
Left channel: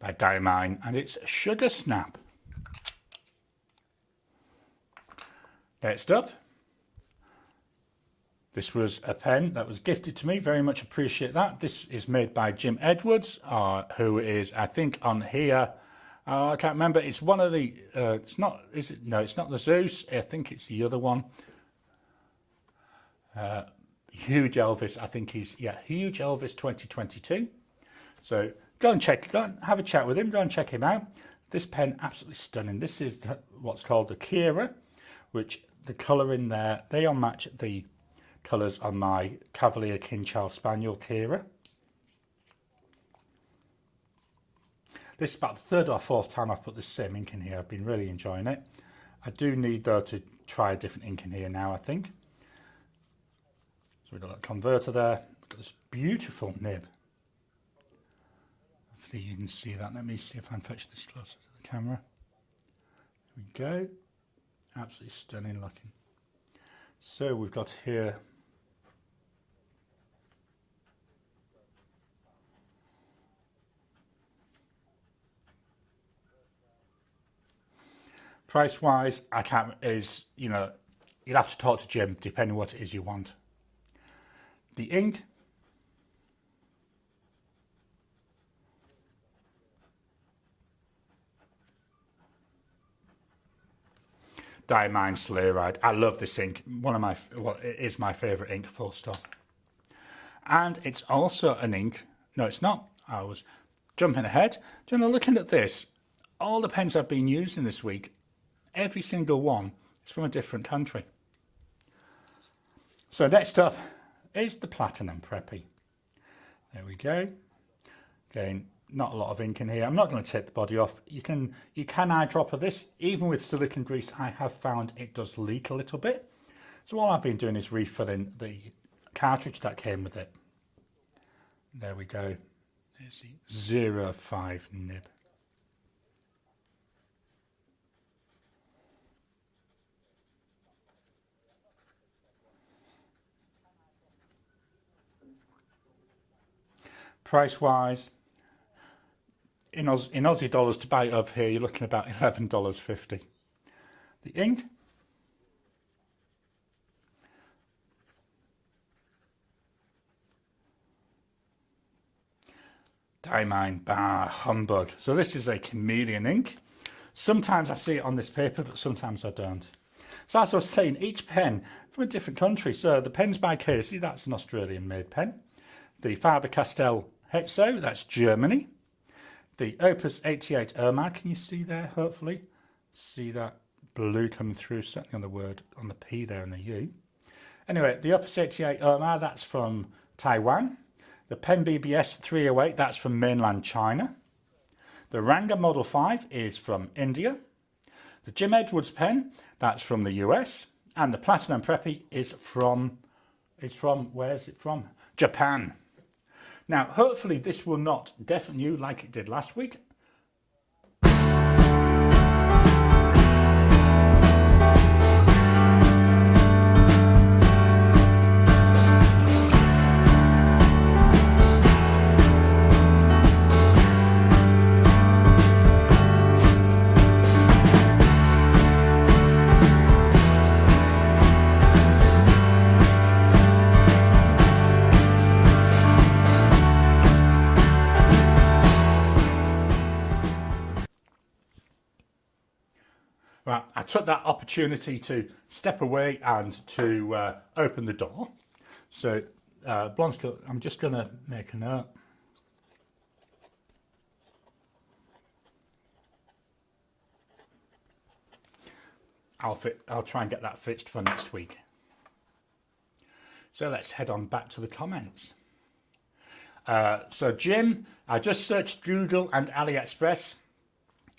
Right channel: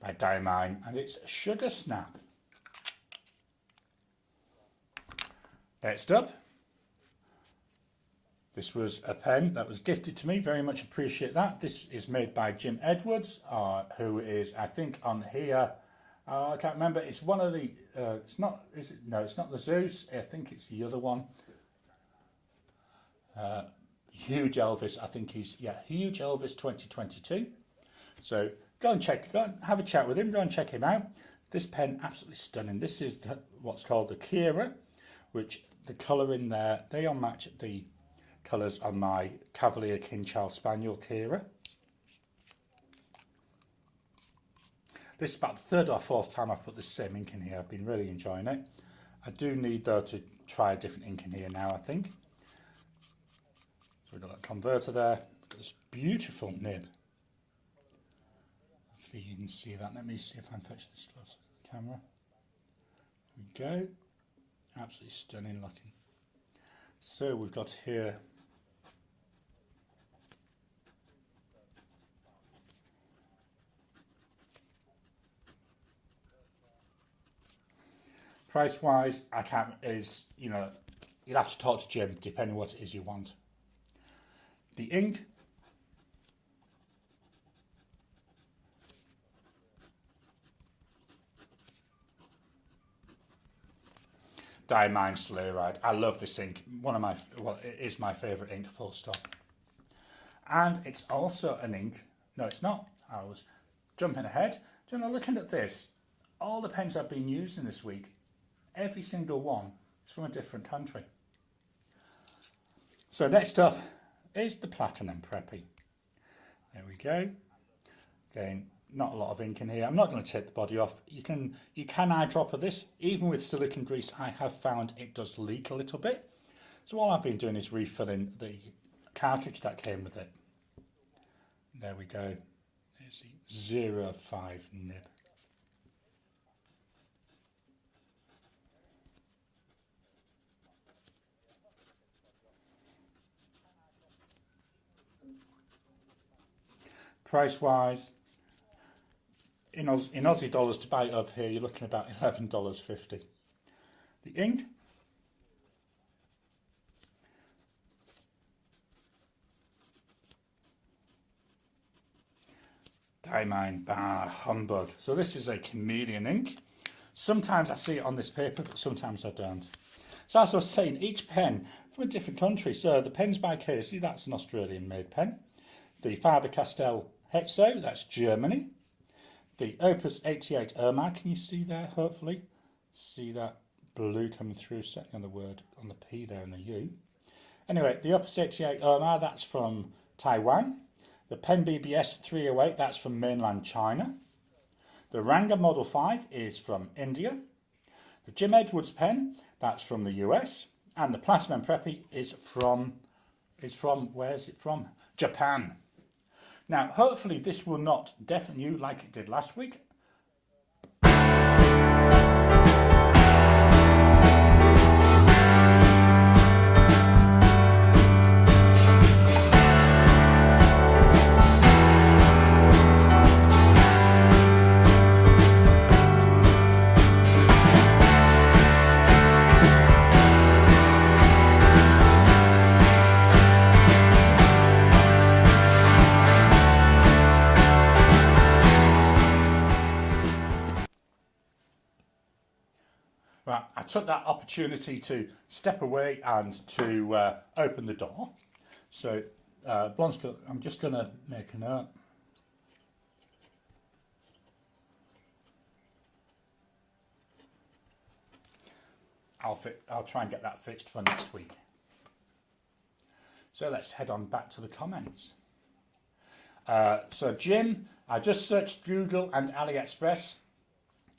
by Diamine, and it's Sugar Snap. Next up, this was a pen that was gifted to me. Very much appreciate that. This is made by Jim Edwards, who is, I think, on here. I can't remember. It's one of the. It's not. Is it? No, it's not the Zeus. I think it's the other one. Huge Elvis. I think he's Huge Elvis 2022. So go and have a chat with him. Go and check him out. This pen, absolutely stunning. This is what's called the Kira, which the colour in there, they all match the colours on my Cavalier King Charles Spaniel Kira. This is about the third or fourth time I've put the same ink in here. I've been really enjoying it. I do need, though, to try a different ink in here now, I think. So we've got a converter there. We've got this beautiful nib. Hopefully you can see that. Let me see if I can fetch this closer to the camera. There we go. Absolutely stunning looking. So we've got here price wise, I can't, you'd have to talk to Jim depending on what it is you want. The ink, Diamine Sleigh Ride. I love this ink. It is my favourite ink, full stop. And it's also an ink. No, it's not. I was jumping ahead. Do you know, looking at this, all the pens I've been using this week, every single one is from a different country. So next up is the Platinum Preppy. There we go. Again, not a lot of ink in here. I'm not going to take the body off. You can eyedropper this. Even with silicone grease, I have found it does leak a little bit. So all I've been doing is refilling the cartridge that came with it. There we go. There's the 05 nib. Price wise, in Aussie dollars to buy it over here, you're looking about $11.50. The ink, Diamine Bar Humbug. So this is a chameleon ink. Sometimes I see it on this paper, but sometimes I don't. So as I was saying, each pen from a different country. So the pen's by Casey, that's an Australian-made pen. The Faber-Castell Hexo, that's Germany. The Opus 88 Erma, can you see there, hopefully? See that blue coming through, certainly on the word, on the P there and the U. Anyway, the Opus 88 Erma, that's from Taiwan. The Pen BBS 308, that's from mainland China. The Ranga Model 5 is from India. The Jim Edwards pen, that's from the US. And the Platinum Preppy is from, where is it from? Japan. Now, hopefully this will not deafen you like it did last week. Right, I took that opportunity to step away and to open the door. So, Blonskill, I'm just going to make a note. I'll try and get that fixed for next week. So let's head on back to the comments. So Jim, I just searched Google and AliExpress.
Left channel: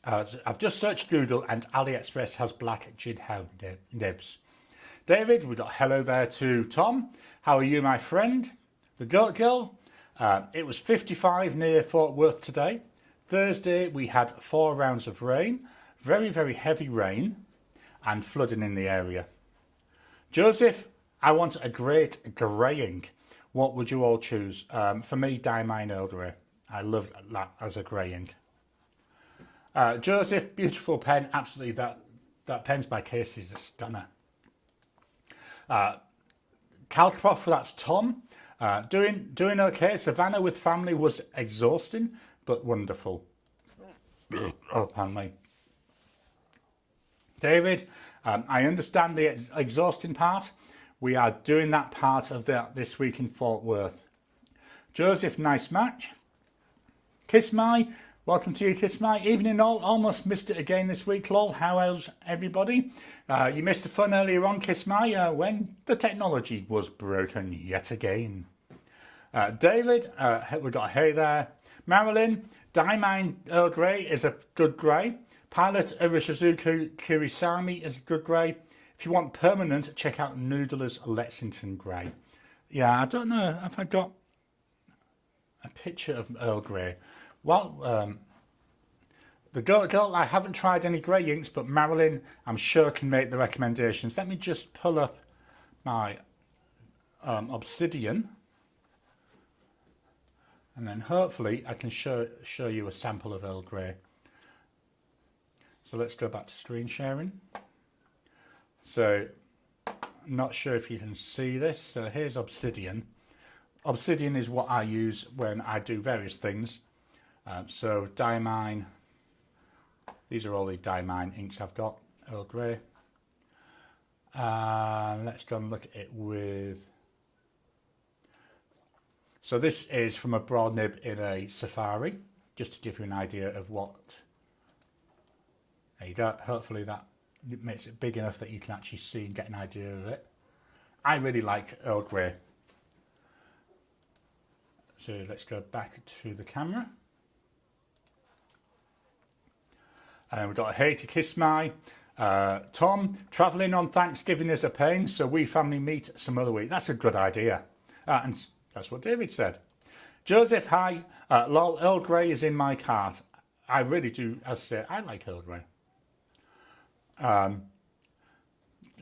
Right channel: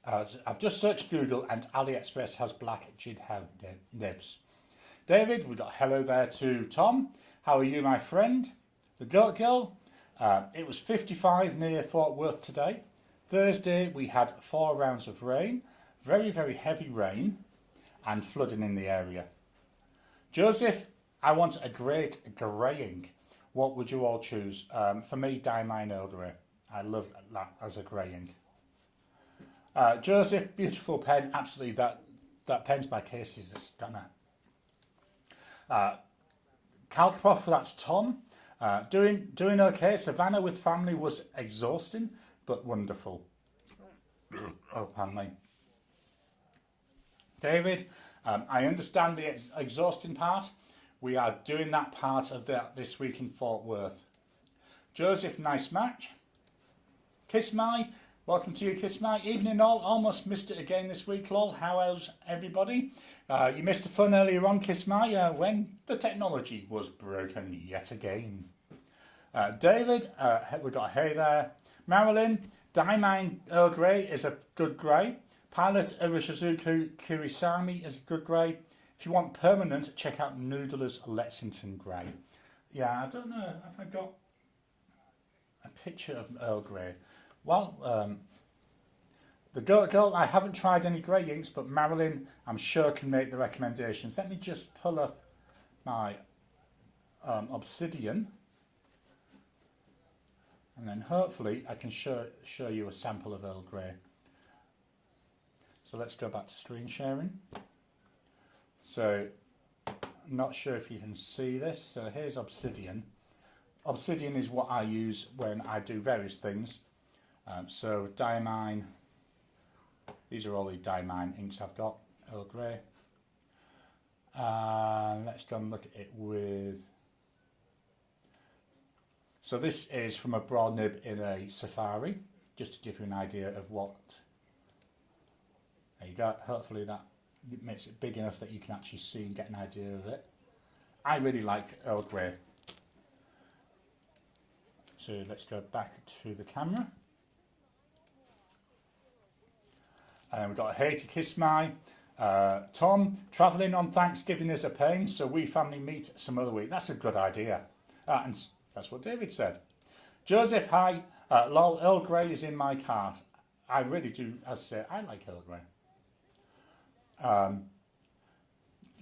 I've just searched Google and AliExpress has black Jidhow nibs. David, we got hello there to Tom. How are you, my friend? The Goat Girl. It was 55 near Fort Worth today. Thursday we had 4 rounds of rain, very, very heavy rain and flooding in the area. Joseph, I want a great greying. What would you all choose? For me, Diamine Earl Grey. I love that as a greying. Joseph, beautiful pen. Absolutely, that pen's by Casey is a stunner. Calcroft, that's Tom. Doing okay. Savannah with family was exhausting, but wonderful. Oh, pardon me. David, I understand the exhausting part. We are doing that part of that this week in Fort Worth. Joseph, nice match. Kiss My, welcome to you, Kiss My. Evening all, almost missed it again this week, lol. How's everybody? You missed the fun earlier on, Kiss My, when the technology was broken yet again. David, we got a hey there. Marilyn, Diamine Earl Grey is a good grey. Pilot Urishizuku Kirisami is a good grey. If you want permanent, check out Noodler's Lexington Grey. Yeah, I don't know if I got a picture of Earl Grey. Well, the girl, I haven't tried any grey inks, but Marilyn, I'm sure, can make the recommendations. Let me just pull up my Obsidian, and then hopefully I can show you a sample of Earl Grey. So let's go back to screen sharing. So, I'm not sure if you can see this. So here's Obsidian. Obsidian is what I use when I do various things. So Diamine, these are all the Diamine inks I've got, Earl Grey. Let's go and look at it with... So this is from a broad nib in a Safari, just to give you an idea of what... There you go, hopefully that makes it big enough that you can actually see and get an idea of it. I really like Earl Grey. So let's go back to the camera. And we've got a hey to Kiss My. Tom, travelling on Thanksgiving is a pain, so we family meet some other week. That's a good idea. And that's what David said. Joseph, hi. Lol, Earl Grey is in my cart. I really do, as I say, I like Earl Grey.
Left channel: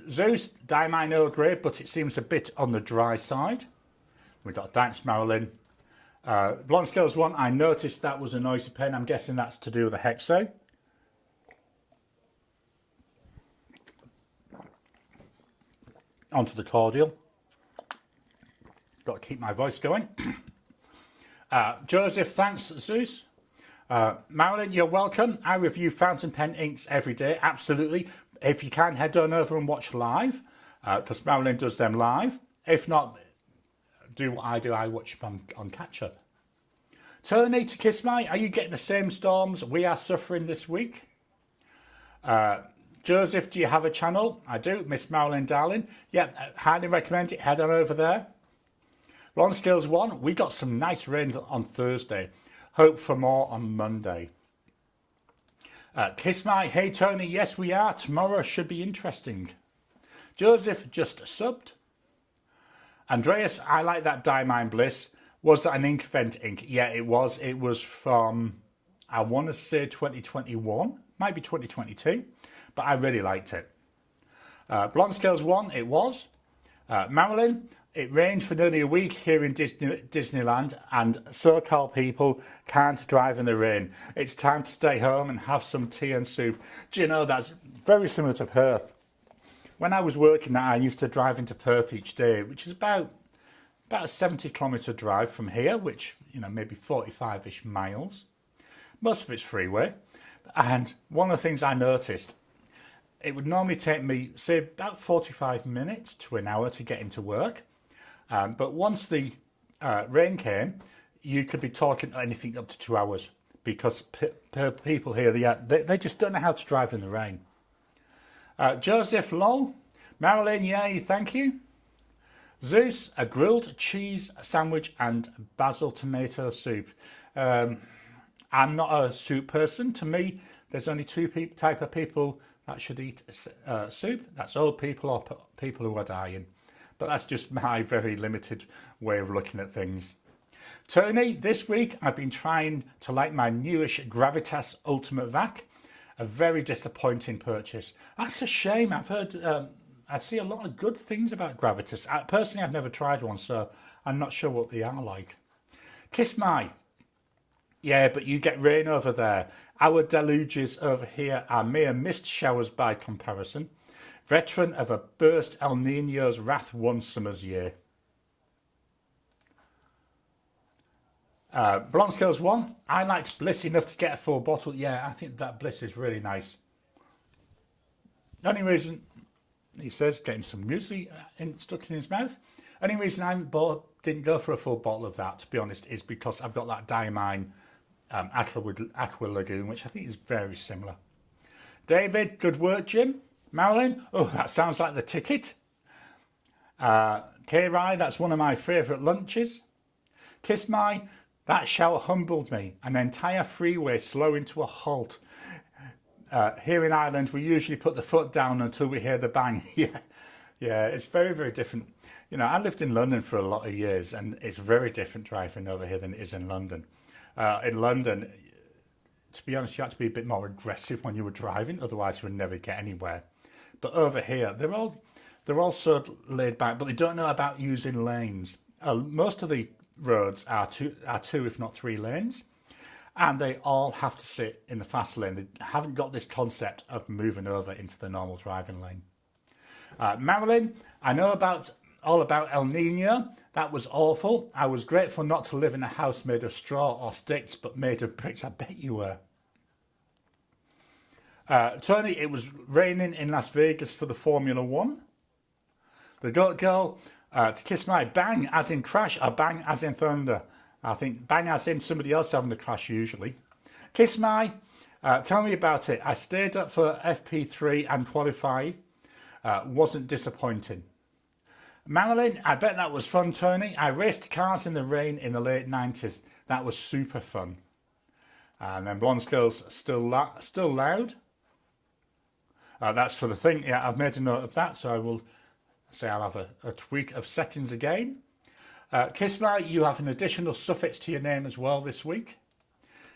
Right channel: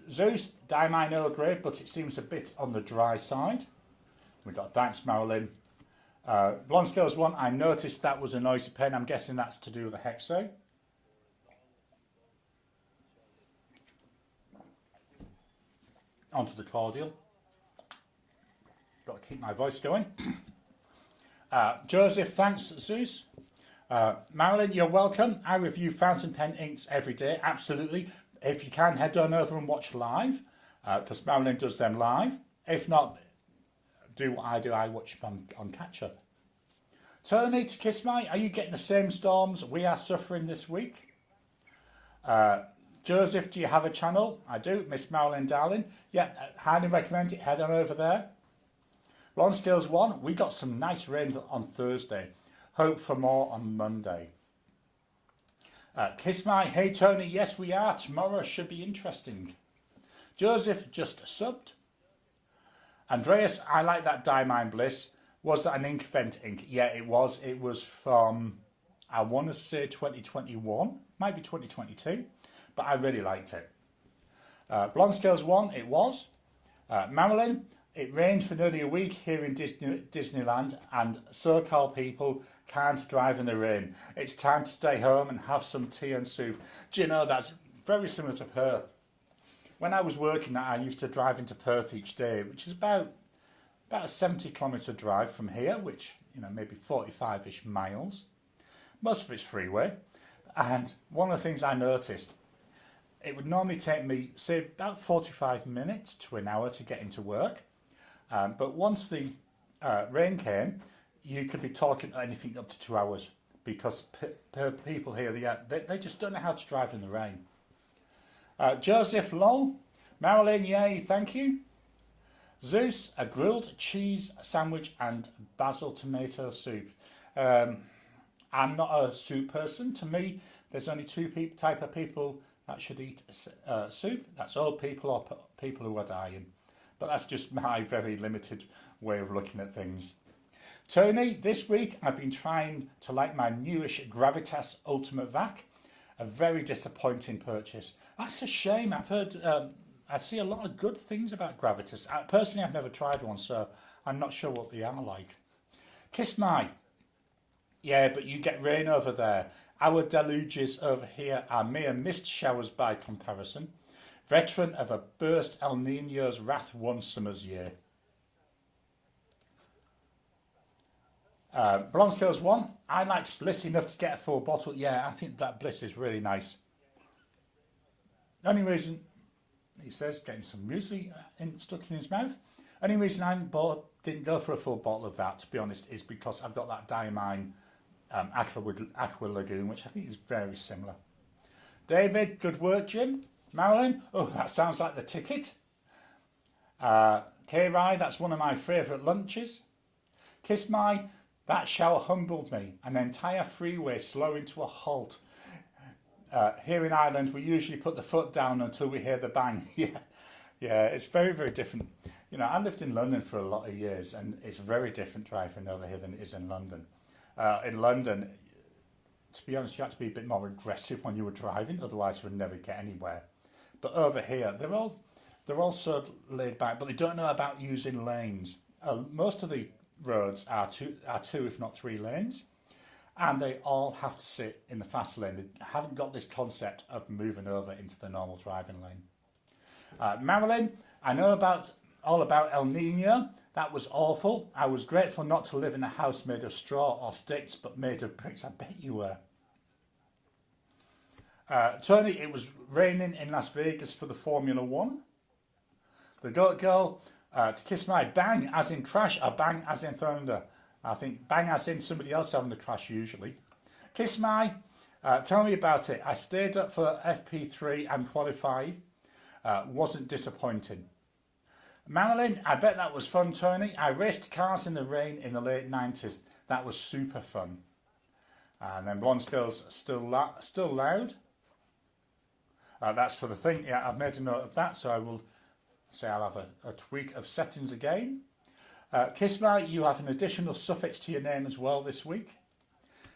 Zeus, Diamine Earl Grey, but it seems a bit on the dry side. We've got thanks, Marilyn. Blonde Scales 1, I noticed that was a noisy pen. I'm guessing that's to do with the Hexo. Onto the cordial. Got to keep my voice going. Joseph, thanks, Zeus. Marilyn, you're welcome. I review fountain pen inks every day, absolutely. If you can, head on over and watch live, because Marilyn does them live. If not, do what I do, I watch them on catch-up. Tony to Kiss My, are you getting the same storms we are suffering this week? Joseph, do you have a channel? I do, Miss Marilyn Darling. Yeah, highly recommend it, head on over there. Ron Skills 1, we got some nice rain on Thursday. Hope for more on Monday. Kiss My, hey Tony, yes we are. Tomorrow should be interesting. Joseph just subbed. Andreas, I like that Diamine Bliss. Was that an ink vent ink? Yeah, it was. It was from, I want to say 2021, might be 2022, but I really liked it. Blonde Scales 1, it was. Marilyn, it rained for nearly a week here in Disneyland, and SoCal people can't drive in the rain. It's time to stay home and have some tea and soup. Do you know, that's very similar to Perth. When I was working there, I used to drive into Perth each day, which is about a 70-kilometre drive from here, which, you know, maybe 45-ish miles. Most of it's freeway. And one of the things I noticed, it would normally take me, say, about 45 minutes to an hour to get into work. But once the rain came, you could be talking anything up to 2 hours, because people here, they just don't know how to drive in the rain. Joseph, lol. Marilyn, yay, thank you. Zeus, a grilled cheese sandwich and basil tomato soup. I'm not a soup person. To me, there's only two type of people that should eat soup. That's old people or people who are dying. But that's just my very limited way of looking at things. Tony, this week I've been trying to like my newish Gravitas Ultimate Vac. A very disappointing purchase. That's a shame. I've heard, I see a lot of good things about Gravitas. Personally, I've never tried one, so I'm not sure what they are like. Kiss My. Yeah, but you get rain over there. Our deluges over here are mere mist showers by comparison. Veteran of a burst El Nino's wrath one summer's year. Blonde Scales 1, I liked Bliss enough to get a full bottle. Yeah, I think that Bliss is really nice. The only reason, he says, getting some muesli stuck in his mouth. Only reason I didn't go for a full bottle of that, to be honest, is because I've got that Diamine Aqua Lagoon, which I think is very similar. David, good work, Jim. Marilyn, oh, that sounds like the ticket. K-Rai, that's one of my favourite lunches. Kiss My, that shower humbled me. An entire freeway slowing to a halt. Here in Ireland, we usually put the foot down until we hear the bang. Yeah, it's very, very different. You know, I lived in London for a lot of years, and it's very different driving over here than it is in London. In London, to be honest, you had to be a bit more aggressive when you were driving, otherwise you would never get anywhere. But over here, they're all so laid back, but they don't know about using lanes. Most of the roads are two, if not three lanes, and they all have to sit in the fast lane. They haven't got this concept of moving over into the normal driving lane. Marilyn, I know all about El Nino. That was awful. I was grateful not to live in a house made of straw or sticks, but made of bricks. I bet you were. Tony, it was raining in Las Vegas for the Formula One. The Goat Girl, to Kiss My, bang as in crash or bang as in thunder. I think bang as in somebody else having a crash usually. Kiss My, tell me about it. I stayed up for FP3 and qualified. Wasn't disappointing. Marilyn, I bet that was fun, Tony. I raced cars in the rain in the late 90s. That was super fun. And then Blonde Girl's still loud. That's for the thing. Yeah, I've made a note of that, so I will say I'll have a tweak of settings again. Kiss My, you have an additional suffix to your name as well this week.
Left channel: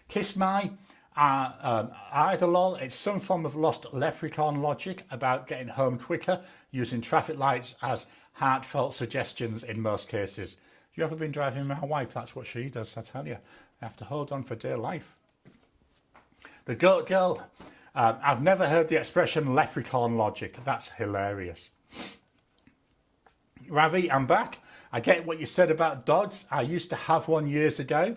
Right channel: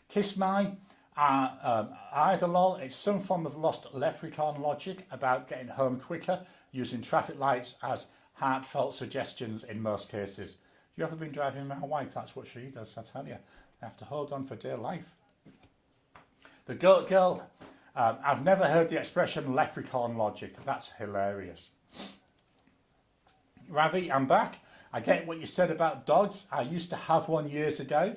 Kiss My, either lol, it's some form of lost leprechaun logic about getting home quicker using traffic lights as heartfelt suggestions in most cases. You ever been driving with my wife? That's what she does, I tell you. I have to hold on for dear life. The Goat Girl, I've never heard the expression leprechaun logic. That's hilarious. Ravi, I'm back. I get what you said about dogs. I used to have one years ago.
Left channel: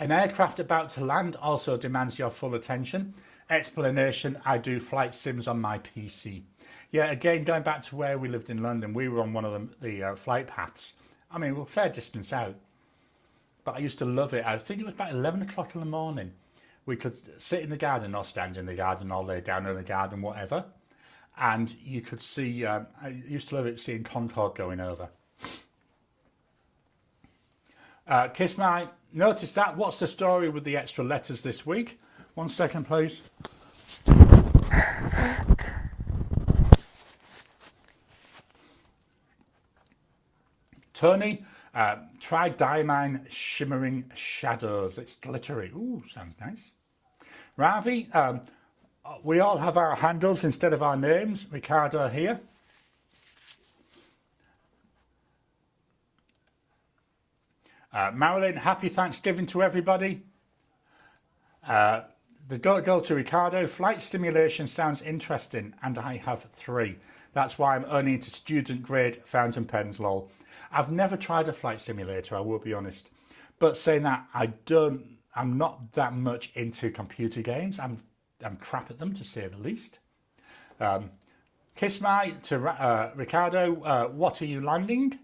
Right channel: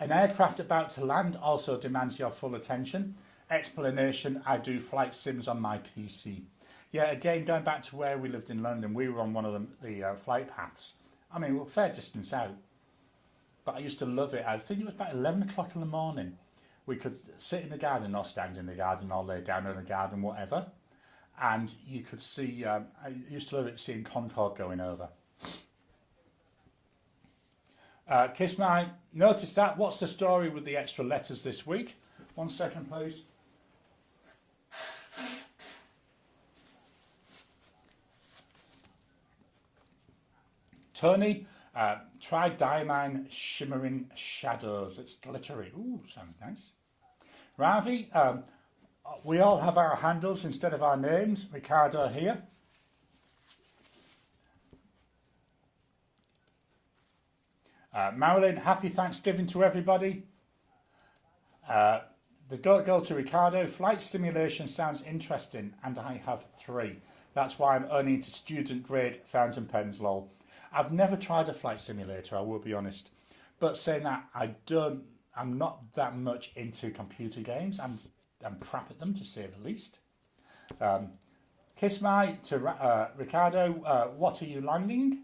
An aircraft about to land also demands your full attention. explanation, I do flight sims on my PC. Yeah, again, going back to where we lived in London, we were on one of the flight paths. I mean, we're a fair distance out, but I used to love it. I think it was about 11 o'clock in the morning. We could sit in the garden or stand in the garden or lay down in the garden, whatever. And you could see, I used to love it seeing Concorde going over. Kiss My, notice that. What's the story with the extra letters this week? 1 second, please. Tony, try Diamine Shimmering Shadows. It's glittery. Ooh, sounds nice. Ravi, we all have our handles instead of our names. Ricardo here. Marilyn, happy Thanksgiving to everybody. The go to Ricardo. Flight simulation sounds interesting, and I have 3. That's why I'm only into student grade fountain pens, lol. I've never tried a flight simulator, I will be honest. But saying that, I'm not that much into computer games. I'm crap at them, to say the least. Kiss My to Ricardo, what are you landing?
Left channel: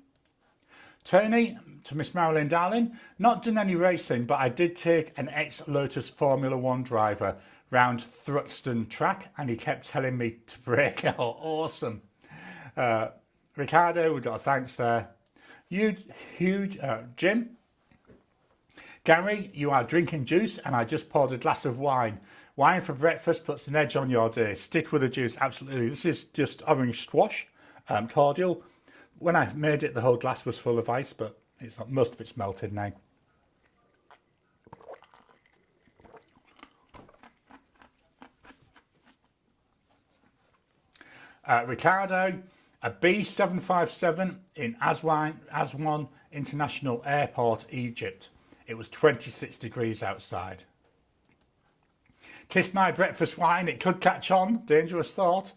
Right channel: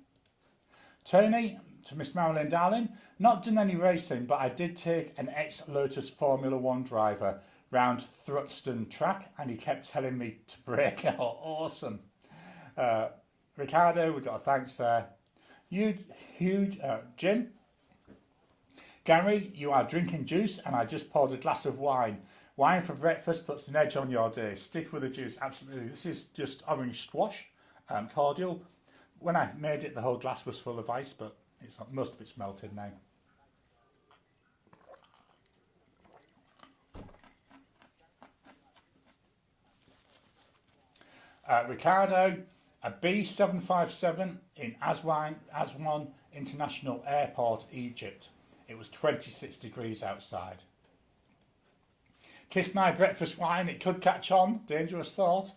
Tony to Miss Marilyn Darling, not done any racing, but I did take an ex-Lotus Formula 1 driver round Thruxton track, and he kept telling me to brake. Oh, awesome. Ricardo, we got a thanks there. Huge, Jim. Gary, you are drinking juice, and I just poured a glass of wine. Wine for breakfast puts an edge on your day. Stick with the juice, absolutely. This is just orange squash, cordial. When I made it, the whole glass was full of ice, but most of it's melted now. Ricardo, a B757 in Aswan International Airport, Egypt. It was 26 degrees outside. Kiss My breakfast wine, it could catch on. Dangerous thought.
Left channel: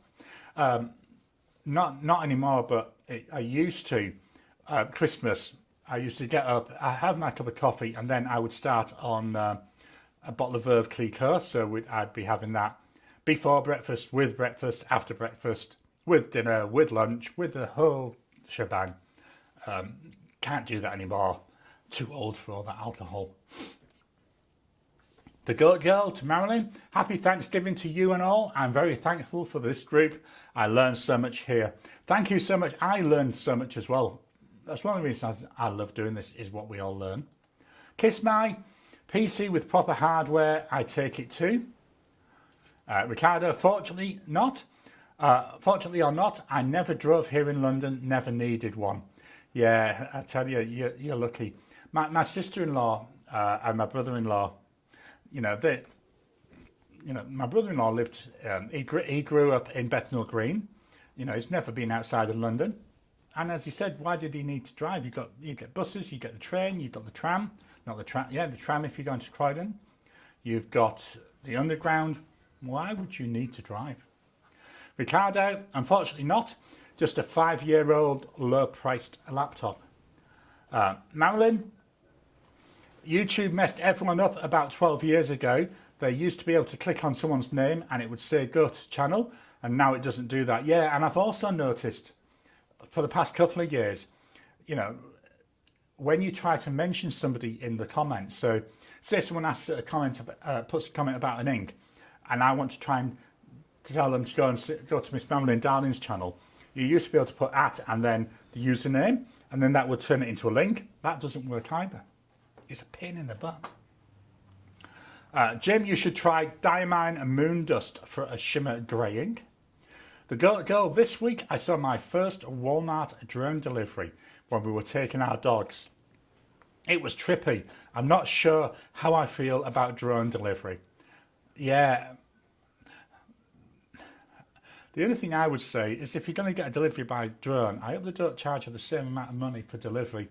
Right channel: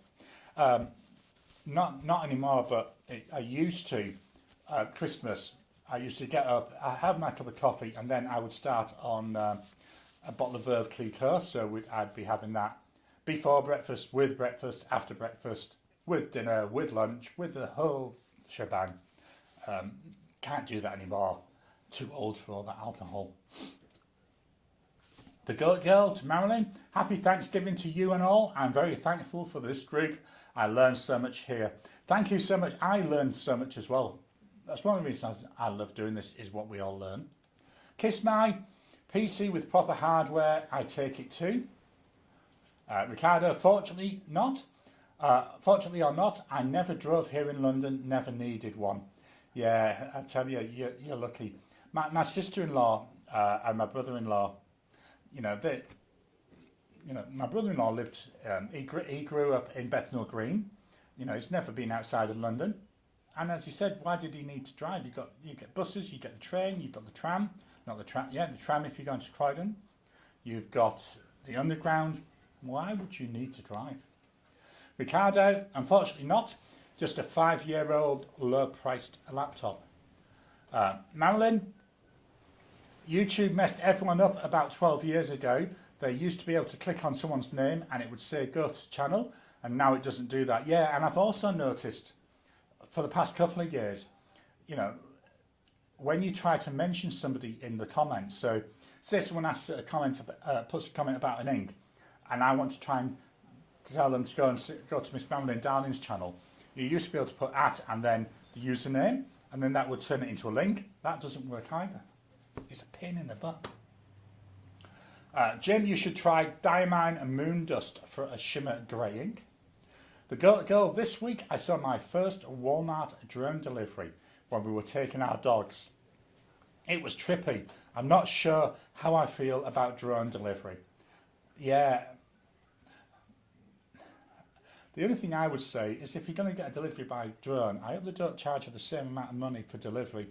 Not anymore, but I used to. Christmas, I used to get up, I have my cup of coffee, and then I would start on a bottle of Veuve Clicquot. So I'd be having that before breakfast, after breakfast, with dinner, with lunch, with the whole shebang. Can't do that anymore. Too old for all that alcohol. The Goat Girl to Marilyn, happy Thanksgiving to you and all. I'm very thankful for this group. I learned so much here. Thank you so much. I learned so much as well. That's one of the reasons I love doing this, is what we all learn. Kiss My, PC with proper hardware, I take it too. Ricardo, fortunately not. Fortunately or not, I never drove here in London, never needed one. Yeah, I tell you, you're lucky. My sister-in-law and my brother-in-law, my brother-in-law lived, he grew up in Bethnal Green. He's never been outside of London. And as he said, why did he need to drive? You get buses, you get the train, you've got the tram. Not the tram, yeah, the tram if you're going to Croydon. You've got the underground. Why would you need to drive? Ricardo, unfortunately not. Just a 5-year-old low-priced laptop. Marilyn, YouTube messed everyone up about 12 years ago. They used to be able to click on someone's name and it would say go to channel, and now it doesn't do that. Yeah, and I've also noticed for the past couple of years, when you try to mention somebody in the comments, so say someone asks a comment, puts a comment about an ink, and I want to try and tell them to go to Miss Marilyn Darling's channel. You used to be able to put @ and then the username, and then that would turn it into a link. That doesn't work either. It's a pain in the butt. Jim, you should try Diamine and Moon Dust for a shimmer grey ink. The girl, this week I saw my first Walmart drone delivery when we were taking our dogs. It was trippy. I'm not sure how I feel about drone delivery. Yeah. The only thing I would say is if you're going to get a delivery by drone, I hope they don't charge you the same amount of money for delivery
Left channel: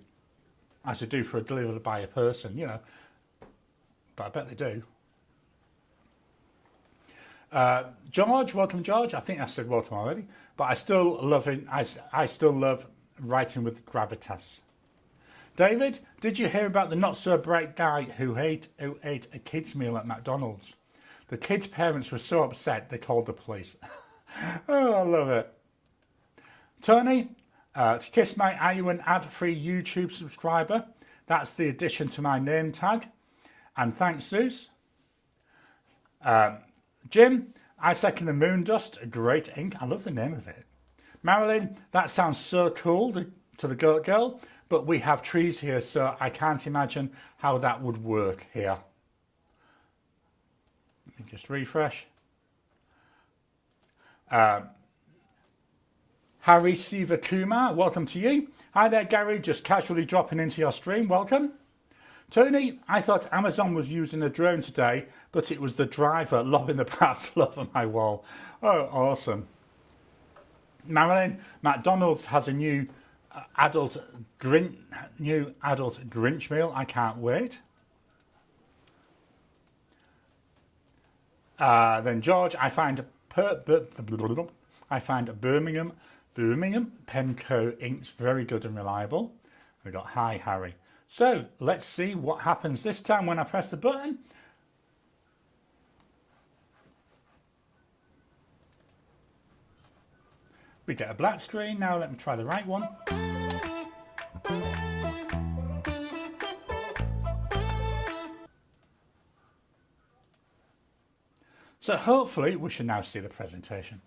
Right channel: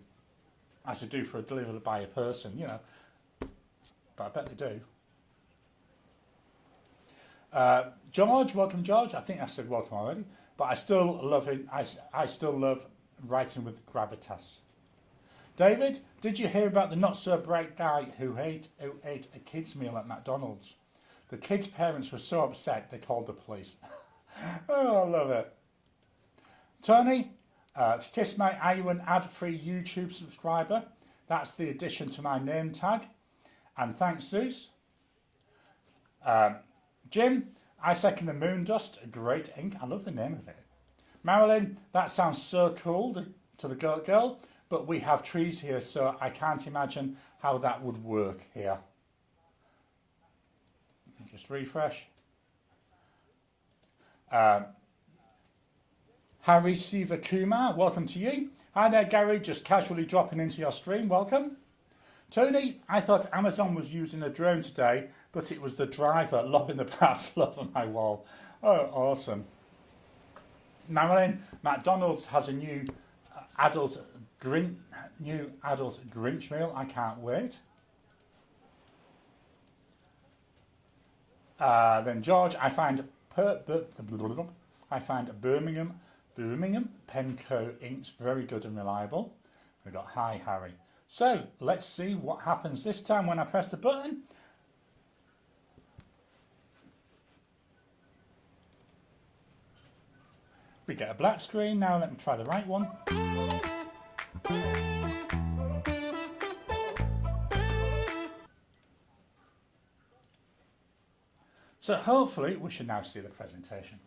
as they do for a delivery by a person, But I bet they do. George, welcome George. I think I said welcome already, but I still love it. I still love writing with gravitas. David, did you hear about the not so bright guy who ate a kid's meal at McDonald's? The kids' parents were so upset they called the police. Oh, I love it. Tony, to kiss my are you an ad-free YouTube subscriber? That's the addition to my name tag. And thanks, Zeus. Jim, I second the moon dust. Great ink. I love the name of it. Marilyn, that sounds so cool to the Goat Girl, but we have trees here, so I can't imagine how that would work here. Let me just refresh. Harry Sivakumar, welcome to you. Hi there, Gary, just casually dropping into your stream. Welcome. Tony, I thought Amazon was using a drone today, but it was the driver lobbing the parcel over my wall. Oh, awesome. Marilyn, McDonald's has a new adult Grinch meal. I can't wait. Then George, I find Birmingham Penco inks very good and reliable. We got hi Harry. So let's see what happens this time when I press the button. We get a black screen. Now let me try the right one. So hopefully we should now see the presentation.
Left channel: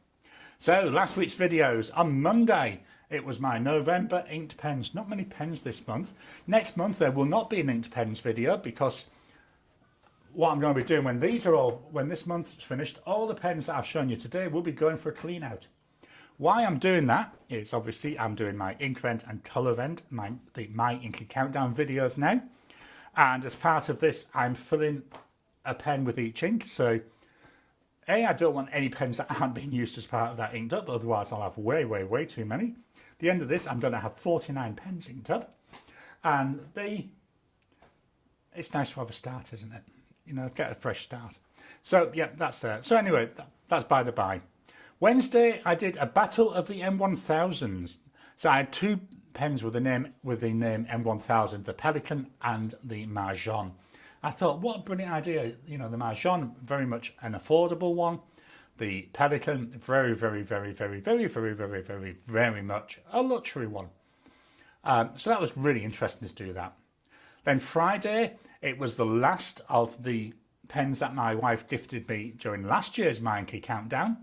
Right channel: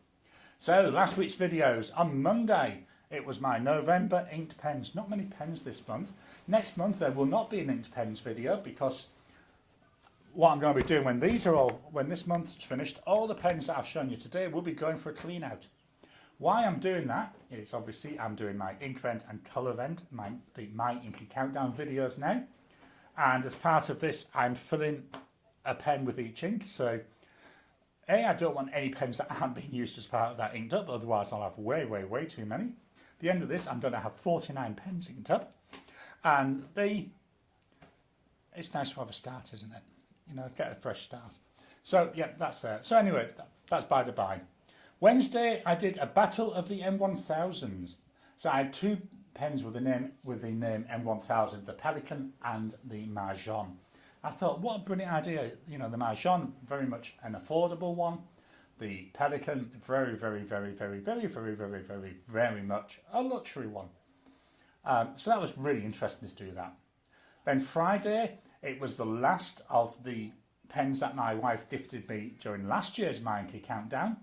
So last week's videos, on Monday it was my November inked pens. Not many pens this month. Next month there will not be an inked pens video because what I'm going to be doing when this month is finished, all the pens that I've shown you today will be going for a clean out. Why I'm doing that is obviously I'm doing my ink vent and colour vent, my Inky Countdown videos now. And as part of this, I'm filling a pen with each ink. So I don't want any pens that aren't being used as part of that inked up, otherwise I'll have way too many. At the end of this, I'm going to have 49 pens inked up. And B, it's nice to have a start, isn't it? You know, get a fresh start. So yeah, that's there. So anyway, that's by the by. Wednesday, I did a battle of the M1000s. So I had two pens with the name M1000, the Pelican and the Mahjong. I thought, what a brilliant idea. You know, the Mahjong, very much an affordable one. The Pelican, very much a luxury one. So that was really interesting to do that. Then Friday, it was the last of the pens that my wife gifted me during last year's Inky Countdown.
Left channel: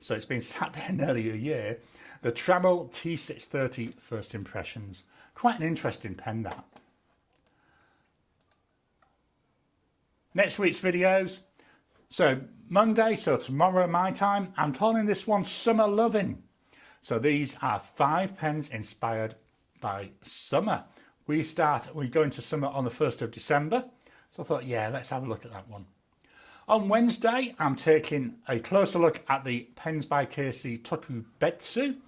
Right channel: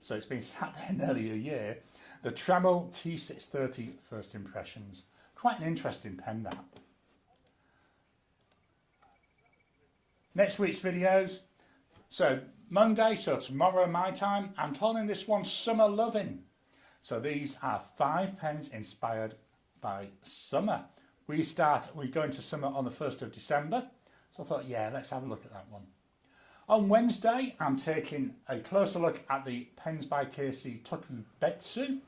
So it's been sat there nearly a year. The Trammell T630 First Impressions. Quite an interesting pen, that. Next week's videos. So Monday, so tomorrow my time, I'm calling this one Summer Loving. So these are 5 pens inspired by summer. We go into summer on the 1st of December. So I thought, yeah, let's have a look at that one. On Wednesday, I'm taking a closer look at the Pens by Casey Tokubetsu.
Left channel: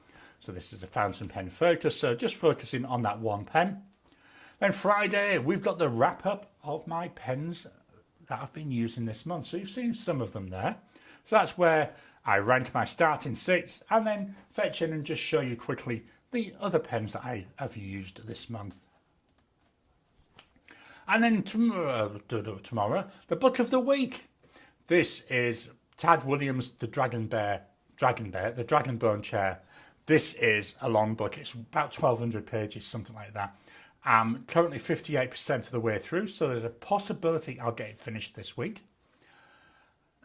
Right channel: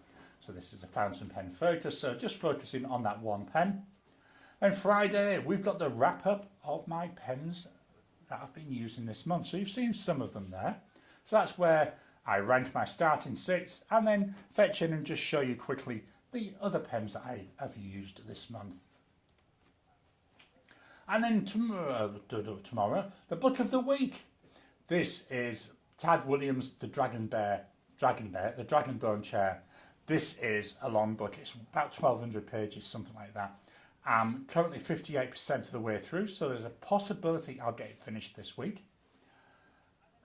So this is a fountain pen focus, so just focusing on that one pen. Then Friday, we've got the wrap up of my pens that I've been using this month. So you've seen some of them there. So that's where I rank my starting 6 and then fetch in and just show you quickly the other pens that I have used this month. And then tomorrow, the book of the week. This is Tad Williams' The Dragonbone Chair. This is a long book. It's about 1,200 pages, something like that. I'm currently 58% of the way through, so there's a possibility I'll get it finished this week.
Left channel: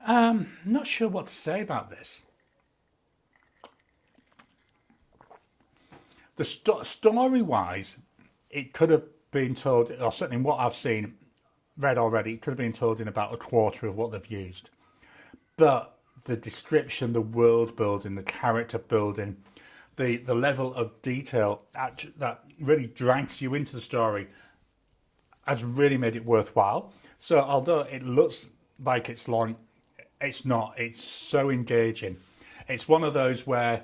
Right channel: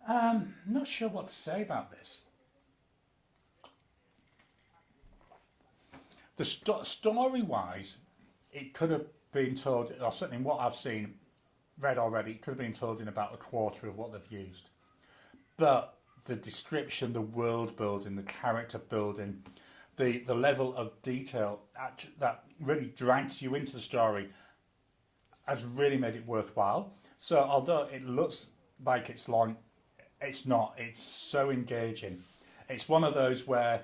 Not sure what to say about this. The story-wise, it could have been told, or certainly what I've read already, it could have been told in about a quarter of what they've used. But the description, the world building, the character building, the level of detail that really drags you into the story has really made it worthwhile. So although it looks like it's long, it's not. It's so engaging. It's one of those where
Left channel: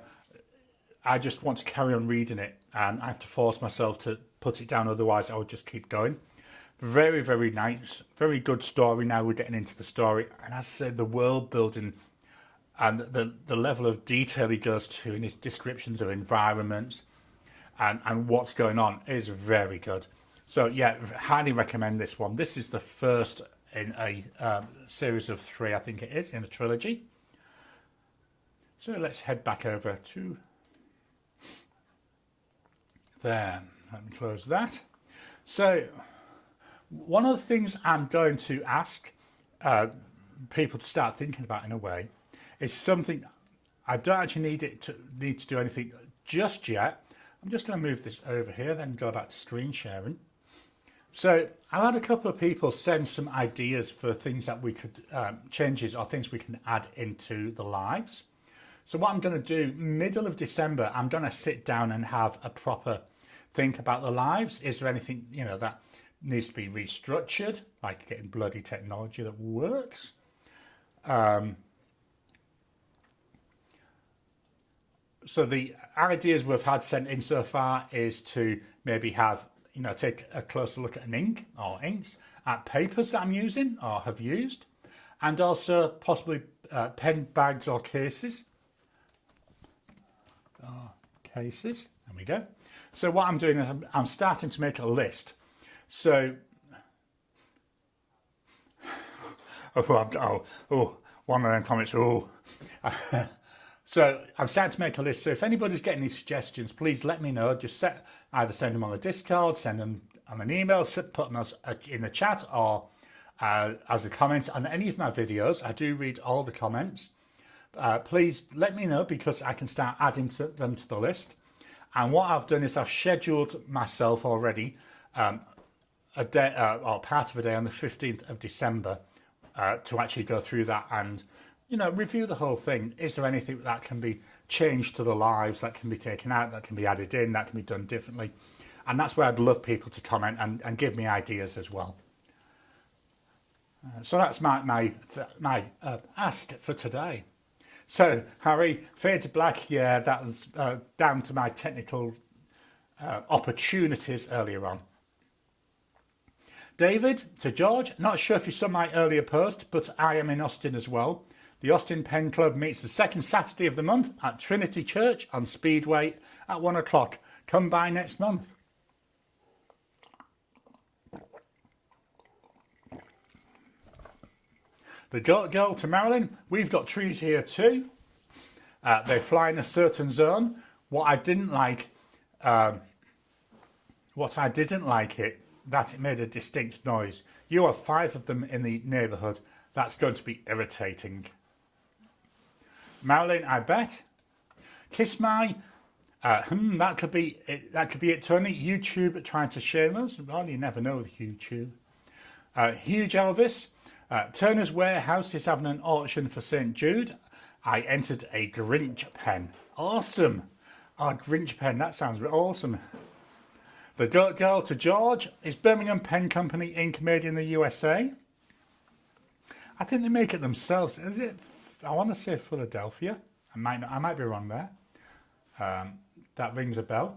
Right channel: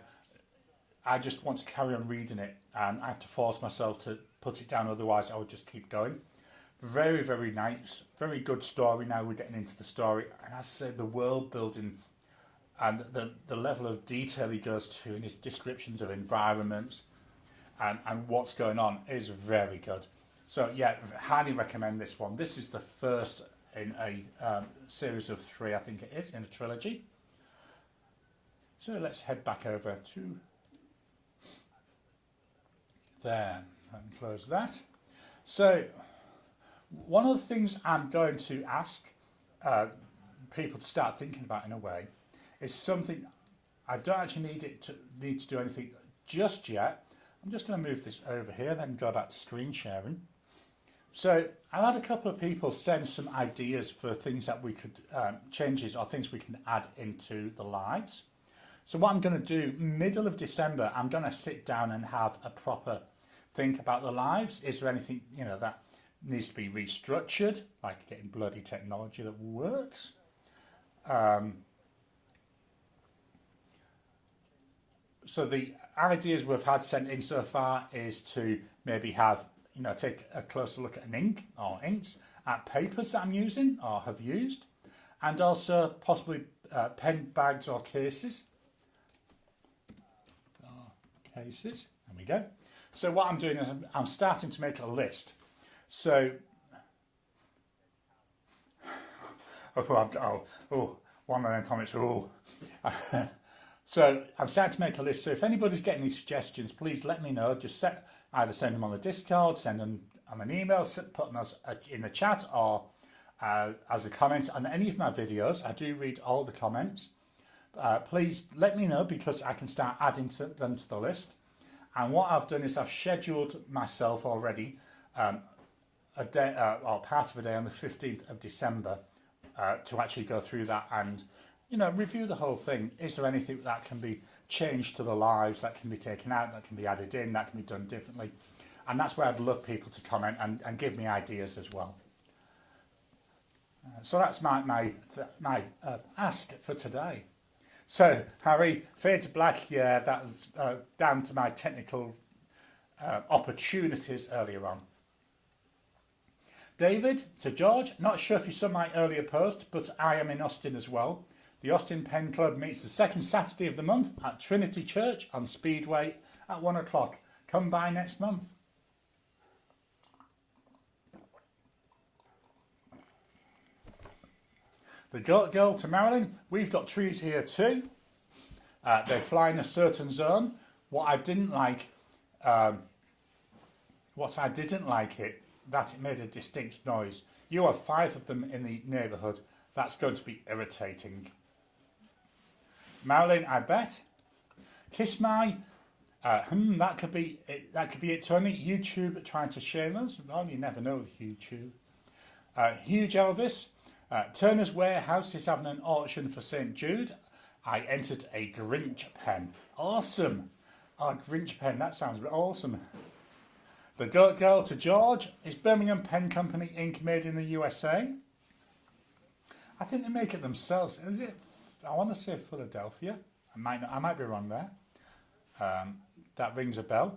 I just want to carry on reading it and I have to force myself to put it down, otherwise I would just keep going. Very nice, very good story. Now we're getting into the story, and as I said, the world building and the level of detail he goes to in his descriptions of environments and what's going on is very good. So yeah, highly recommend this one. This is the first in a series of 3, I think it is, in a trilogy. So let's head back over to there. Let me close that. So one of the things I'm going to ask people to start thinking about in a way is something I don't actually need to do anything just yet. I'm just going to move this over here, then go back to screen sharing. So I've had a couple of people send some ideas for things that we could, changes or things we can add into the lives. So what I'm going to do, middle of December, I'm going to sit down and have a proper think about the lives. Is there anything, that needs to be restructured, like getting bloody technology that works? So the ideas we've had sent in so far is to maybe have, take a closer look at an ink or inks, at papers that I'm using or have used, and also possibly pen bags or cases. There we go. So what I'm doing is I'm starting to make a list. So, one of them comments, So I'm starting to make a list. So if anybody's getting any suggestions, please let me know. Just either send them on the Discord, send them on an email, put them in the chat, or as a comment on any of my videos. I do read all the comments. Please let me know, because I can start adding them to the list. And what I've done is I've scheduled myself already a day or part of a day on the 15th of December to actually go through that and review the whole thing. Is there anything that can be changed to the lives, that can be taken out, that can be added in, that can be done differently? And that's where I'd love people to comment and give me ideas as well. So that's my ask for today. So, Harry, fade to black, yeah, that was down to my technical opportunities earlier on. David, to George, not sure if you saw my earlier post, but I am in Austin as well. The Austin Pen Club meets the second Saturday of the month at Trinity Church on Speedway at 1 o'clock. Come by next month. The Goat Girl to Marilyn, we've got trees here too. They fly in a certain zone. What I didn't like that it made a distinct noise. You have 5 of them in the neighbourhood. That's going to be irritating. Marilyn, I bet. Kiss my. That could be it, Tony. YouTube trying to shame us. Well, you never know with YouTube. Huge Elvis. Turner's Warehouse is having an auction for St. Jude. I entered a Grinch pen. Awesome. Oh, Grinch pen, that sounds awesome. The Goat Girl to George. Is Birmingham Pen Company Inc. made in the USA? I think they make it themselves. Is it? I want to say Philadelphia. I might be wrong there. That rings a bell.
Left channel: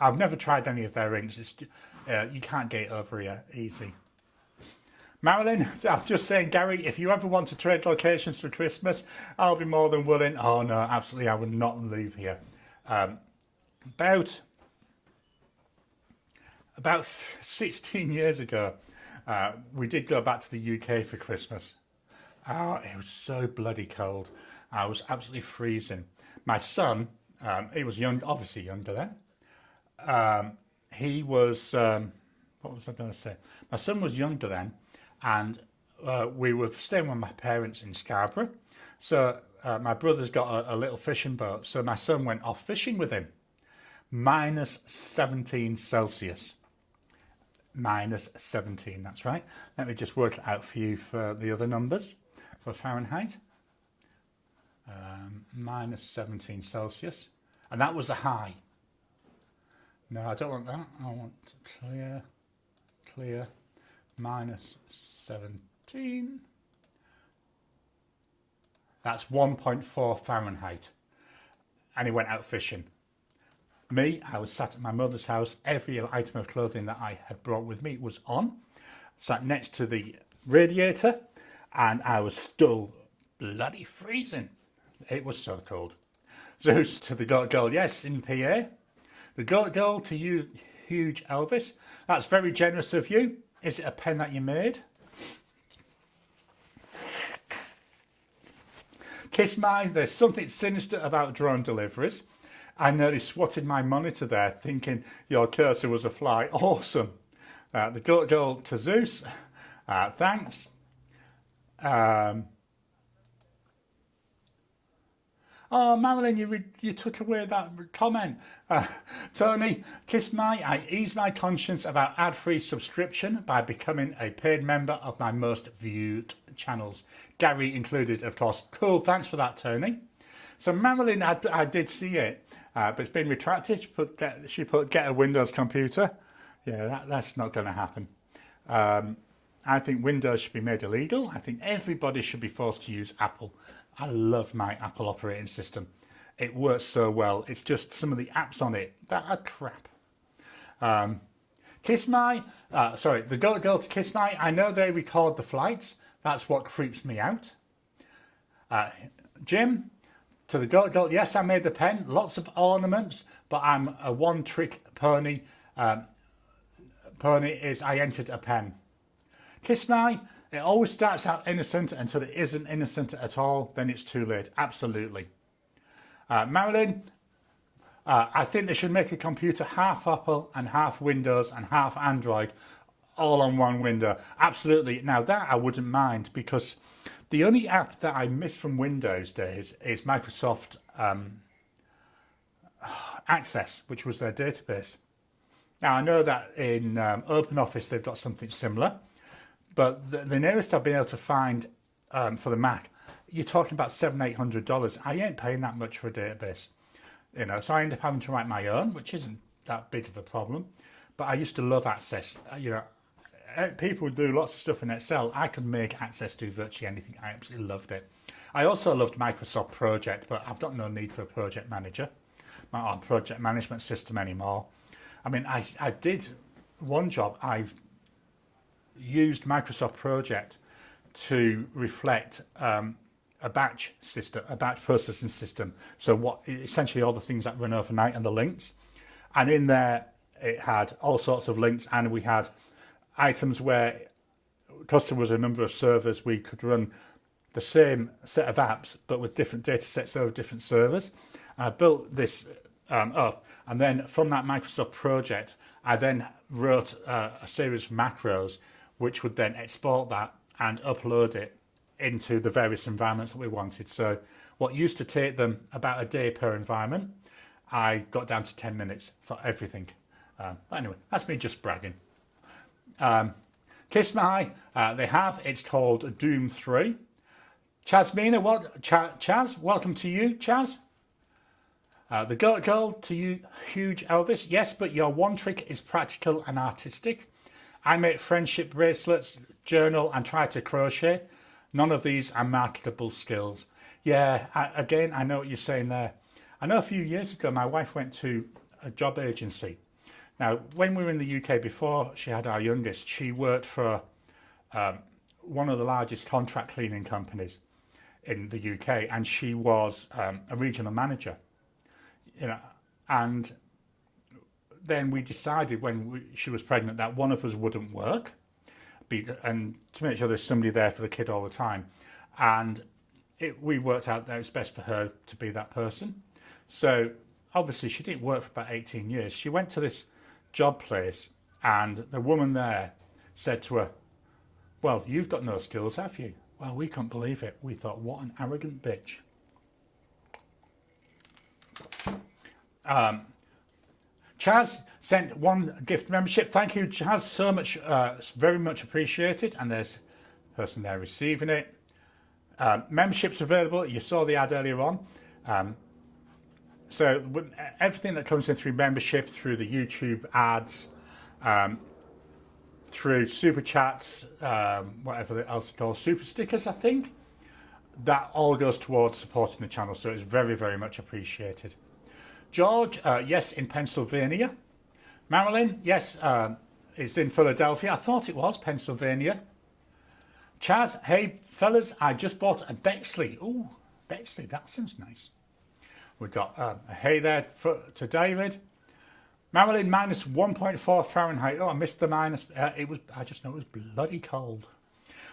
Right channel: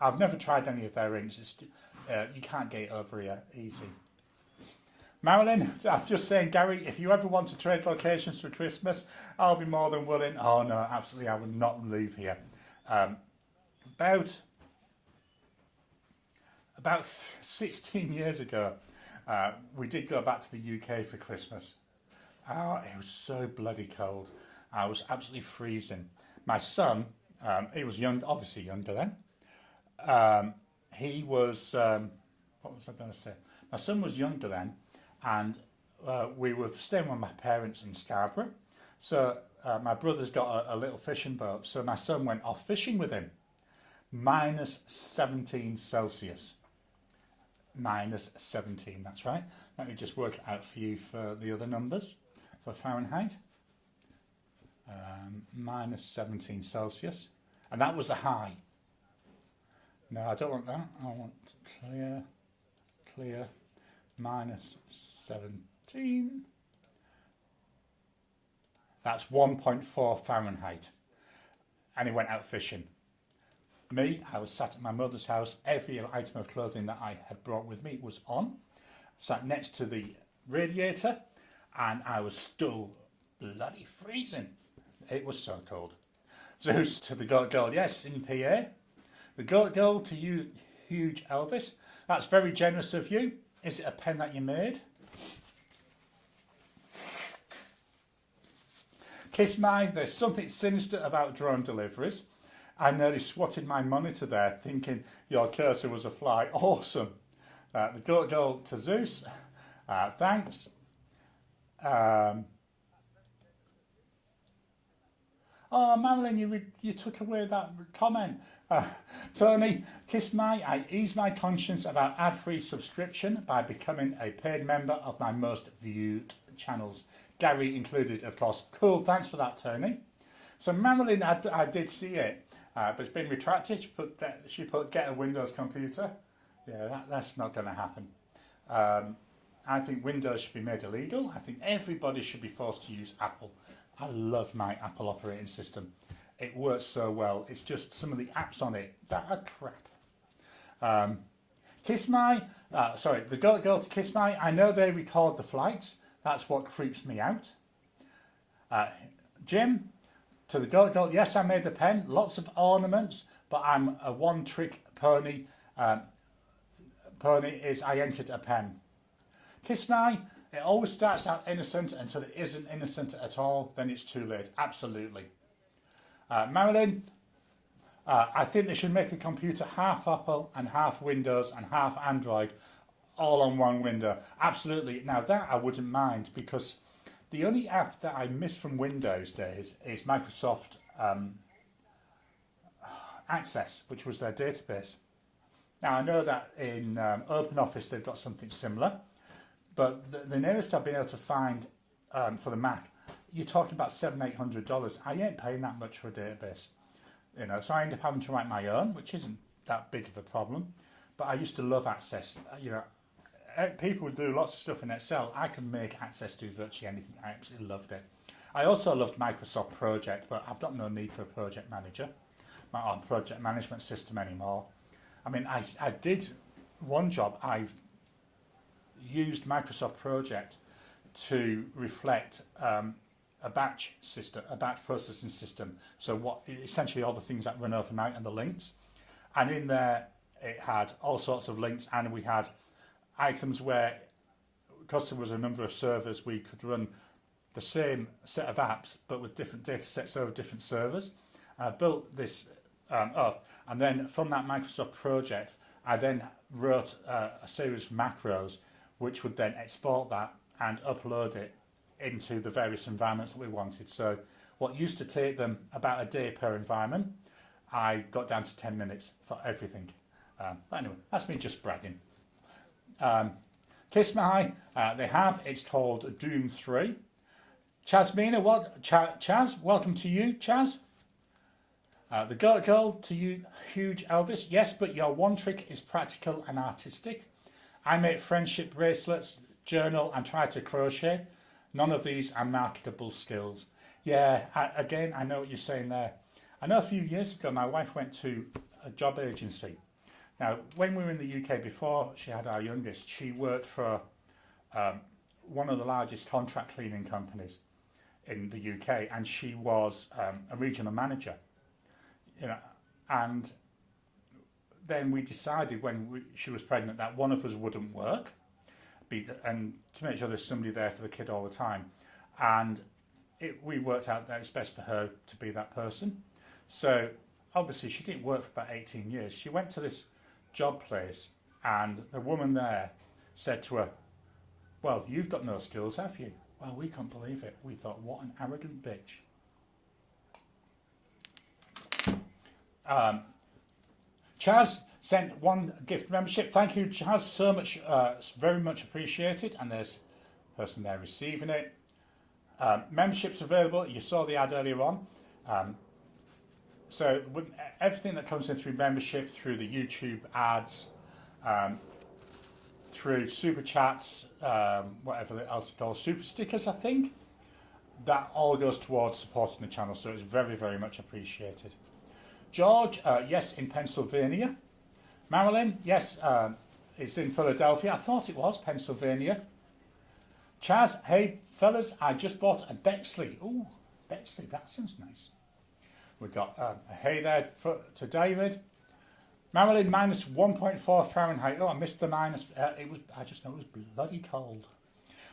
I've never tried any of their inks. It's you can't get it over here easy. Marilyn, I'm just saying, Gary, if you ever want to trade locations for Christmas, I'll be more than willing. Oh no, absolutely, I will not leave here. About 16 years ago, we did go back to the UK for Christmas. Oh, it was so bloody cold. I was absolutely freezing. My son, he was young, obviously younger then. He was, what was I going to say? My son was younger then, and we were staying with my parents in Scarborough. So my brother's got a little fishing boat, so my son went off fishing with him. Minus 17 Celsius. Minus 17, that's right. Let me just work it out for you for the other numbers, for Fahrenheit. Minus 17 Celsius. And that was the high. No, I don't want that. I want clear, minus 17. That's 1.4 Fahrenheit. And he went out fishing. Me, I was sat at my mother's house. Every item of clothing that I had brought with me was on. Sat next to the radiator, and I was still bloody freezing. It was so cold. So to the Goat Girl, yes, in PA. The Goat Girl to you, Huge Elvis. That's very generous of you. Is it a pen that you made? Kiss My, there's something sinister about drone deliveries. I nearly swatted my monitor there thinking your cursor was a fly. Awesome. The Goat Girl to Zeus, thanks. Oh, Marilyn, you took away that comment. Tony, Kiss My, I ease my conscience about ad-free subscription by becoming a paid member of my most viewed channels. Gary included, of course. Cool, thanks for that, Tony. So Marilyn, I did see it, but it's been retracted. She put get a Windows computer. Yeah, that's not going to happen. I think Windows should be made illegal. I think everybody should be forced to use Apple. I love my Apple operating system. It works so well. It's just some of the apps on it that are crap. Kiss My, the Goat Girl to Kiss My. I know they record the flights. That's what creeps me out. Jim, to the Goat Girl. Yes, I made the pen. Lots of ornaments, but I'm a one-trick pony. Pony is I entered a pen. Kiss My. It always starts out innocent until it isn't innocent at all. Then it's too late. Absolutely. Marilyn, I think they should make a computer half Apple and half Windows and half Android, all on one window. Absolutely. Now that I wouldn't mind, because the only app that I miss from Windows days is Microsoft Access, which was their database. Now I know that in OpenOffice they've got something similar. But the nearest I've been able to find for the Mac, you're talking about $700-800. I ain't paying that much for a database, you know. So I end up having to write my own, which isn't that big of a problem. But I used to love Access. You know, people do lots of stuff in Excel. I can make Access do virtually anything. I absolutely loved it. I also loved Microsoft Project, but I've got no need for a project manager or project management system anymore. I mean, I did one job. I used Microsoft Project to reflect a batch system, a batch processing system. So what essentially all the things that run overnight and the links, and in there it had all sorts of links, and we had items where, because there was a number of servers, we could run the same set of apps but with different data sets over different servers. And I built this up, and then from that Microsoft project I then wrote a series of macros which would then export that and upload it into the various environments that we wanted. So what used to take them about a day per environment, I got down to 10 minutes for everything. Anyway, that's me just bragging. Kiss My, they have, it's called Doom 3. Chaz Mina, Chaz, welcome to you, Chaz. The Goat Girl to you, Huge Elvis. Yes, but your one trick is practical and artistic. I make friendship bracelets, journal, and try to crochet. None of these are marketable skills. Yeah, again, I know what you're saying there. I know a few years ago, my wife went to a job agency. Now, when we were in the UK before she had our youngest, she worked for one of the largest contract cleaning companies in the UK, and she was a regional manager. You know, and then we decided when she was pregnant that one of us wouldn't work, and to make sure there's somebody there for the kid all the time. And we worked out that it's best for her to be that person. So obviously she didn't work for about 18 years. She went to this job place, and the woman there said to her, "Well, you've got no skills, have you?" Well, we couldn't believe it. We thought, what an arrogant bitch. Chaz sent one gift membership. Thank you, Chaz, so much. It's very much appreciated. And there's a person there receiving it. Memberships available. You saw the ad earlier on. So everything that comes in through membership, through the YouTube ads, through super chats, whatever else it's called, super stickers, I think, that all goes towards supporting the channel. So it's very, very much appreciated. George, yes, in Pennsylvania. Marilyn, yes, it's in Philadelphia. I thought it was Pennsylvania. Chaz, hey fellas, I just bought a Bexley. Ooh, Bexley, that sounds nice. We've got a hey there to David. Marilyn, minus 1.4 Fahrenheit. Oh, I missed the minus. I just know it was bloody cold.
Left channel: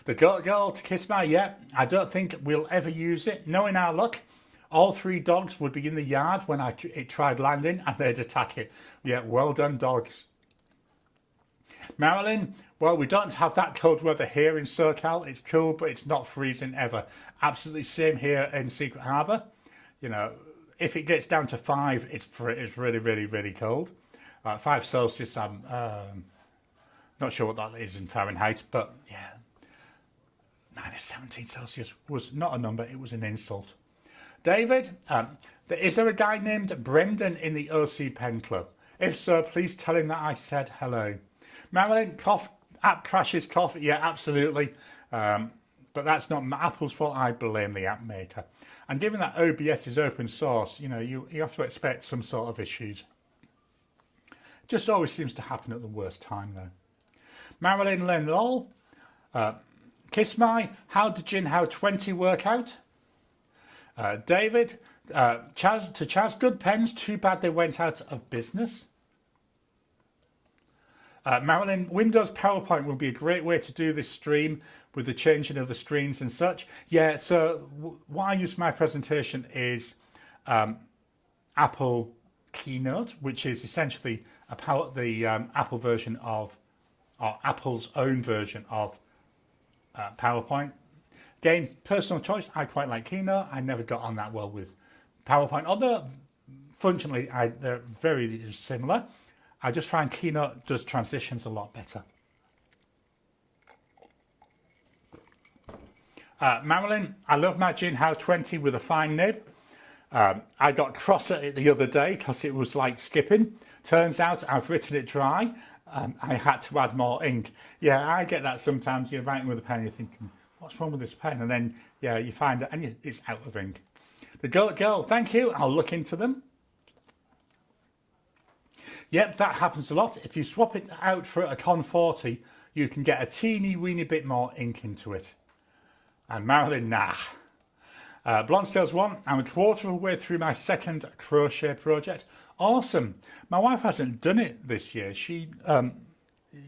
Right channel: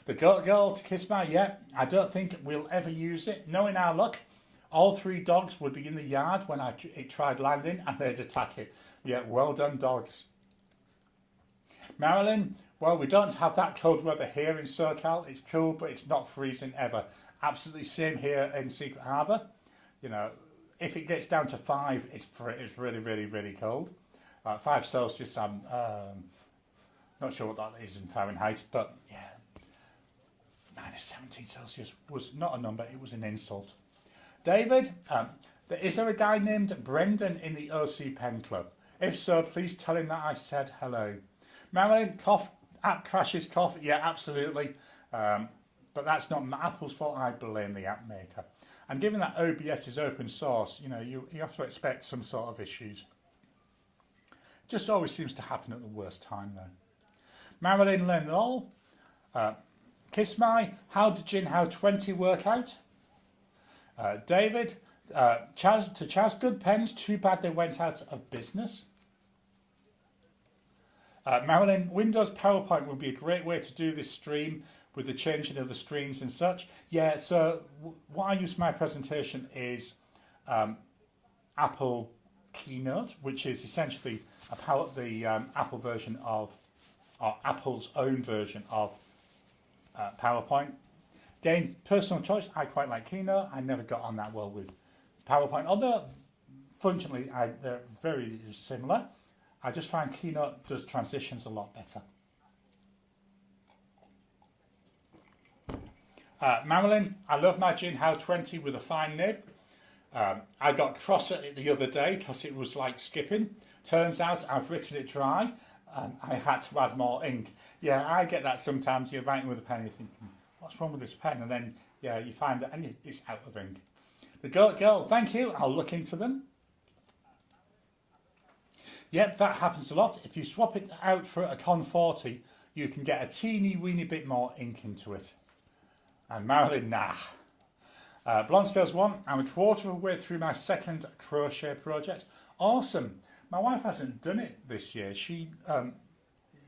The Goat Girl to Kiss My, yeah, I don't think we'll ever use it. Knowing our luck, all 3 dogs would be in the yard when it tried landing and they'd attack it. Yeah, well done, dogs. Marilyn, well, we don't have that cold weather here in SoCal. It's cool, but it's not freezing ever. Absolutely same here in Secret Harbour. You know, if it gets down to 5, it's really, really, really cold. 5 Celsius, I'm not sure what that is in Fahrenheit, but yeah. -17 Celsius was not a number, it was an insult. David, is there a guy named Brendan in the OC Pen Club? If so, please tell him that I said hello. Marilyn, app crashes, cough. Yeah, absolutely. But that's not Apple's fault. I blame the app maker. And given that OBS is open source, you know, you have to expect some sort of issues. Just always seems to happen at the worst time, though. Marilyn Lynn Lol, Kiss My, how did Jinhao 20 work out? David, Chaz, good pens, too bad they went out of business. Marilyn, Windows PowerPoint would be a great way to do this stream with the changing of the screens and such. Yeah, so what I use for my presentation is Apple Keynote, which is essentially the Apple version of, or Apple's own version of PowerPoint. Again, personal choice, I quite like Keynote. I never got on that well with PowerPoint, although functionally they're very similar. I just find Keynote does transitions a lot better. Marilyn, I love my Jinhao 20 with a fine nib. I got cross at it the other day because it was like skipping. Turns out I've written it dry and I had to add more ink. Yeah, I get that sometimes. You're writing with a pen, you're thinking, what's wrong with this pen? And then, yeah, you find it and it's out of ink. The Goat Girl, thank you. I'll look into them. Yep, that happens a lot. If you swap it out for a Con 40, you can get a teeny weeny bit more ink into it. And Marilyn, nah. Blonde Scales 1, I'm a quarter of a way through my second crochet project. Awesome. My wife hasn't done it this year. She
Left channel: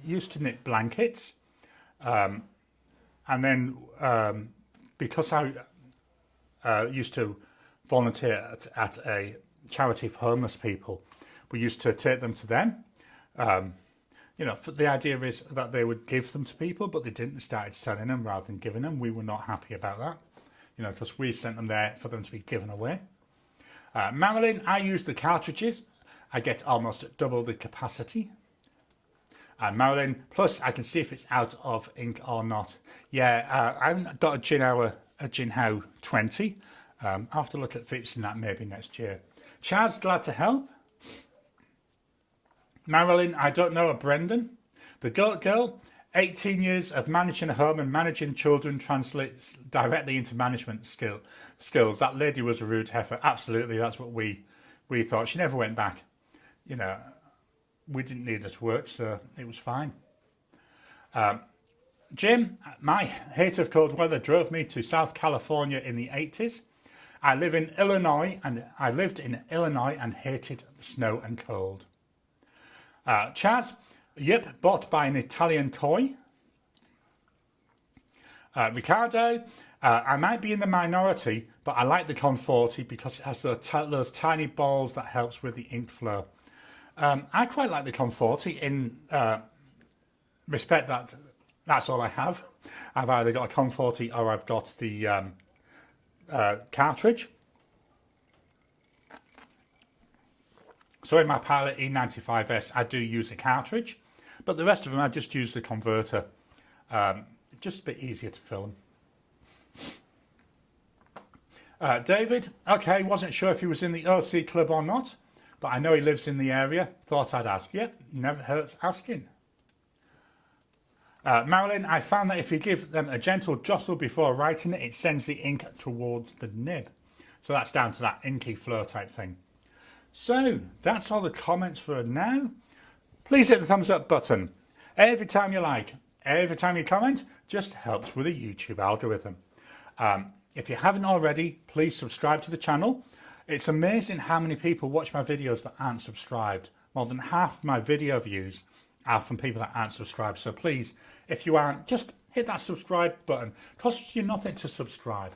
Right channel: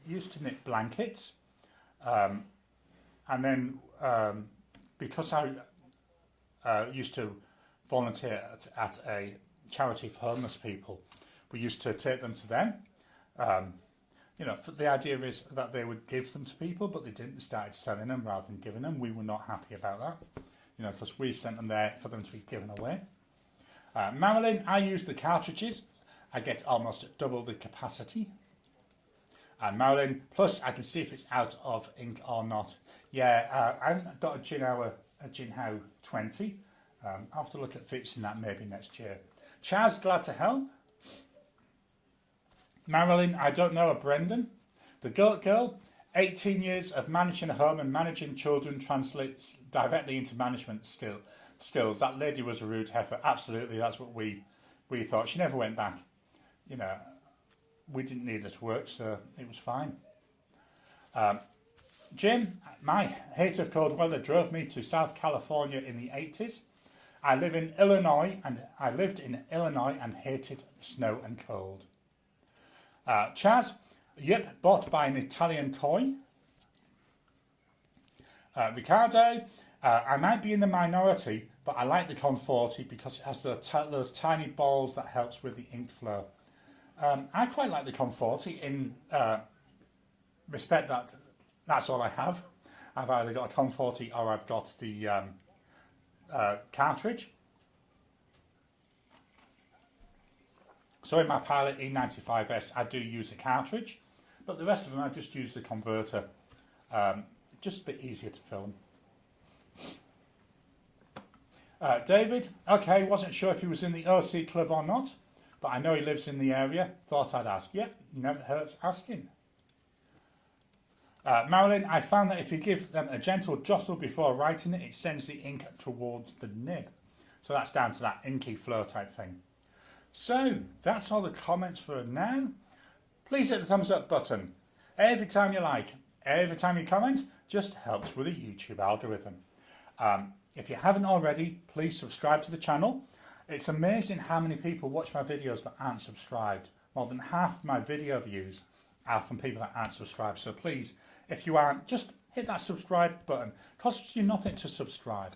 used to knit blankets. And then because I used to volunteer at a charity for homeless people, we used to take them to them. You know, the idea is that they would give them to people, but they didn't. They started selling them rather than giving them. We were not happy about that, you know, because we sent them there for them to be given away. Marilyn, I use the cartridges. I get almost double the capacity. And Marilyn, plus I can see if it's out of ink or not. Yeah, I haven't got a Jinhao 20. I'll have to look at fixing that maybe next year. Chaz, glad to help. Marilyn, I don't know a Brendan. The Goat Girl, 18 years of managing a home and managing children translates directly into management skills. That lady was a rude heifer. Absolutely, that's what we thought. She never went back. You know, we didn't need her to work, so it was fine. Jim, my hate of cold weather drove me to South California in the 80s. I lived in Illinois and hated the snow and cold. Chaz, yep, bought by an Italian koi. Ricardo, I might be in the minority, but I like the Con 40 because it has those tiny balls that helps with the ink flow. I quite like the Con 40 in respect that that's all I have. I've either got a Con 40 or I've got the cartridge. So in my Pilot E95S, I do use a cartridge, but the rest of them I just use the converter. Just a bit easier to film. David, okay, wasn't sure if he was in the OC club or not, but I know he lives in the area. Thought I'd ask. Yep, never hurts asking. Marilyn, I found that if you give them a gentle jostle before writing it, it sends the ink towards the nib. So that's down to that inky flow type thing. So that's all the comments for now. Please hit the thumbs up button every time you like, every time you comment, just helps with the YouTube algorithm. If you haven't already, please subscribe to the channel. It's amazing how many people watch my videos but aren't subscribed. More than half my video views are from people that aren't subscribed. So please, if you aren't, just hit that subscribe button. It costs you nothing to subscribe.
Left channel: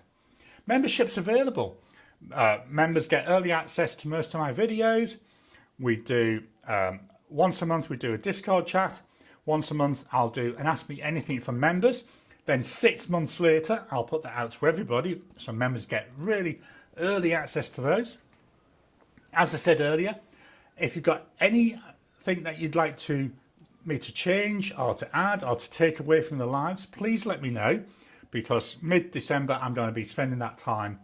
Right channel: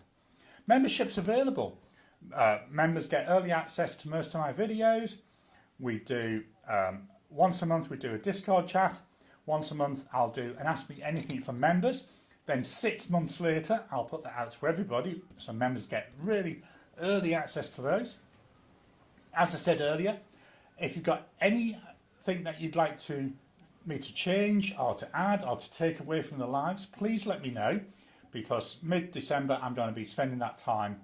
Membership's available. Members get early access to most of my videos. We do, once a month we do a Discord chat. Once a month I'll do an Ask Me Anything for members. Then 6 months later I'll put that out to everybody, so members get really early access to those. As I said earlier, if you've got anything that you'd like me to change or to add or to take away from the lives, please let me know, because mid-December I'm going to be spending that time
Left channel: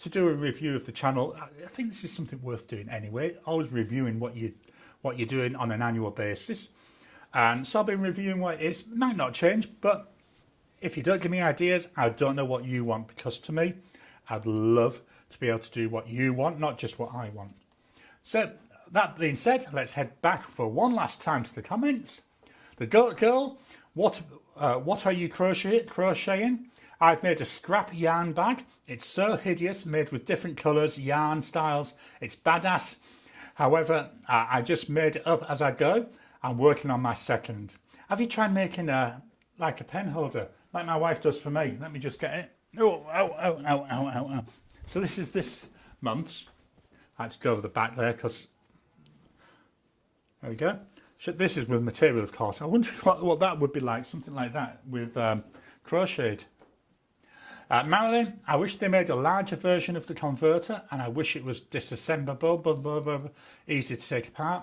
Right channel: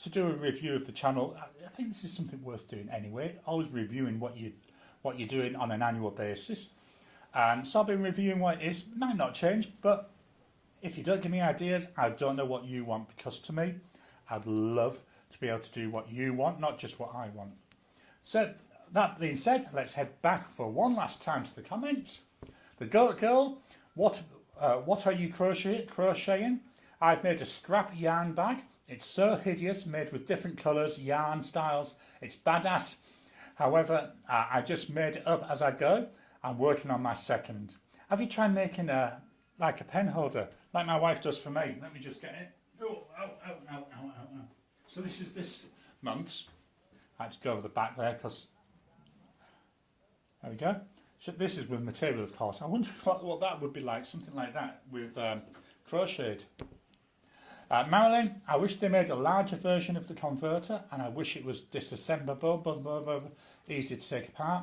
to do a review of the channel. I think this is something worth doing anyway, always reviewing what you're doing on an annual basis. And so I'll be reviewing what it is. It might not change, but if you don't give me ideas, I don't know what you want, because to me, I'd love to be able to do what you want, not just what I want. So that being said, let's head back for one last time to the comments. The Goat Girl, what are you crocheting? I've made a scrap yarn bag. It's so hideous, made with different colours, yarn styles. It's badass. However, I just made it up as I go. I'm working on my second. Have you tried making like a pen holder, like my wife does for me? Let me just get it. Oh, ow, ow, ow, ow, ow, ow. So this is this month's. I had to go over the back there because, there we go. This is with material, of course. I wonder what that would be like, something like that with crocheted. Marilyn, I wish they made a larger version of the converter, and I wish it was disassemblable, easy to take apart.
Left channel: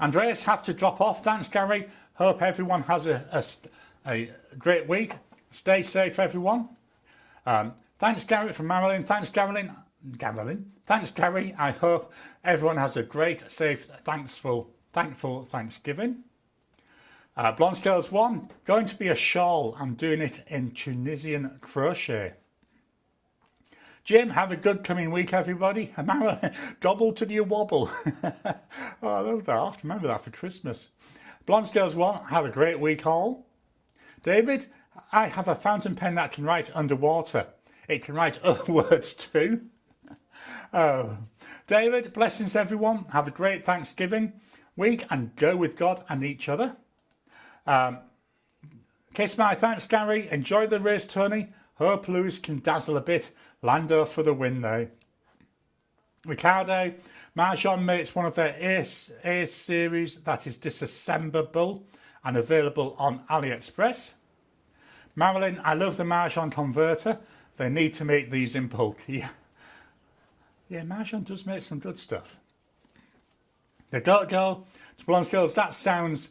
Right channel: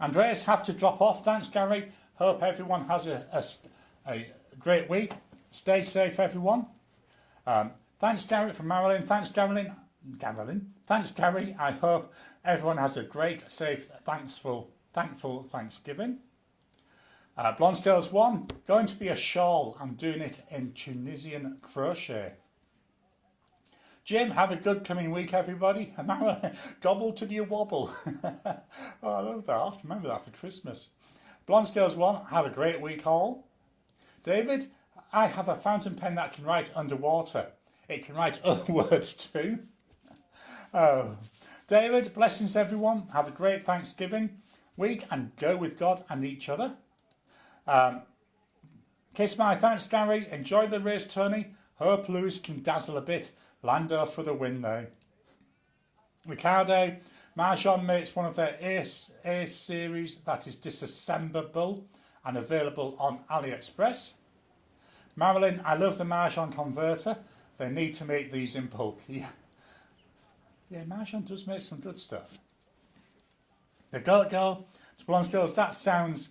Andreas, have to drop off. Thanks, Gary. Hope everyone has a great week. Stay safe, everyone. Thanks, Gary, from Marilyn. Thanks, Gary. Thanks, Gary. I hope everyone has a great, safe, thankful Thanksgiving. Blonde Scales 1, going to be a shawl. I'm doing it in Tunisian crochet. Jim, have a good coming week, everybody. Gobble to you wobble. Oh, I love that. I have to remember that for Christmas. Blonde Scales 1, have a great week all. David, I have a fountain pen that can write underwater. It can write other words too. Oh, David, blessings everyone. Have a great Thanksgiving week and go with God and each other. Kiss my thanks, Gary. Enjoy the race, Tony. Hope Lewis can dazzle a bit. Lando for the win though. Ricardo, Marjon makes one of their A series that is disassemblable and available on AliExpress. Marilyn, I love the Marjon converter. They need to make these in bulk. Yeah, Marjon does make some good stuff. The Goat Girl, to Blonde Girls, that sounds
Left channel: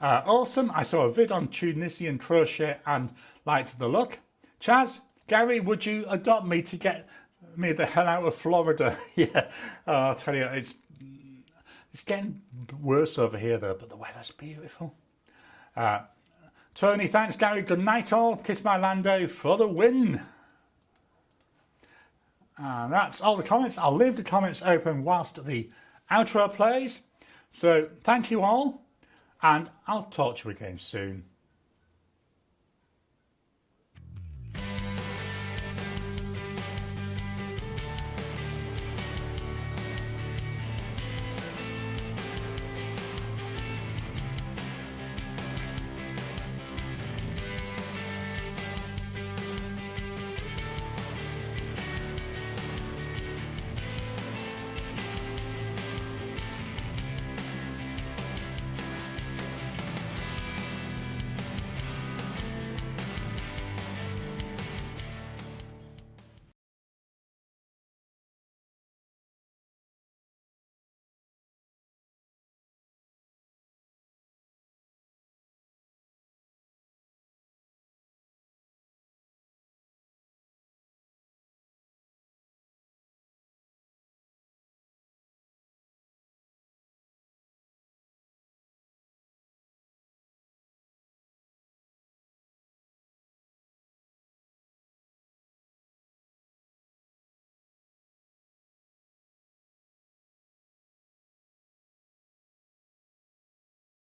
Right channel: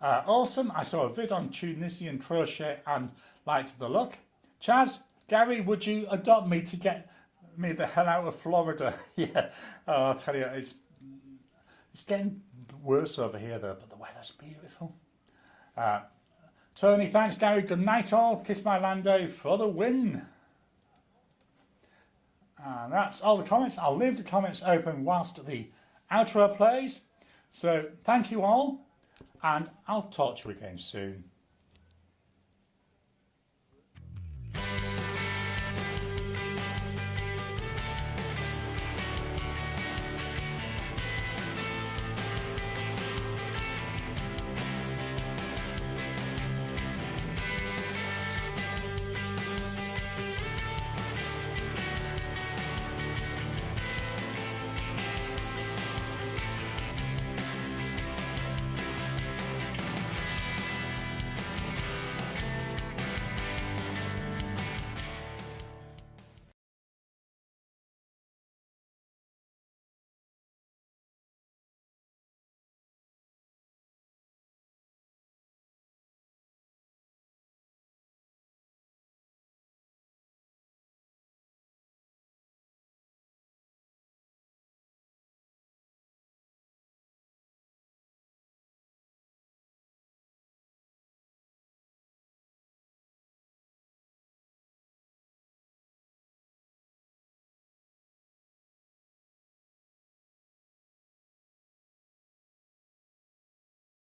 awesome. I saw a vid on Tunisian crochet and liked the look. Chaz, Gary, would you adopt me to get me the hell out of Florida? Yeah, I'll tell you, it's getting worse over here though, but the weather's beautiful. Tony, thanks, Gary. Good night all. Kiss my Lando for the win. And that's all the comments. I'll leave the comments open whilst the outro plays. So thank you all, and I'll talk to you again soon.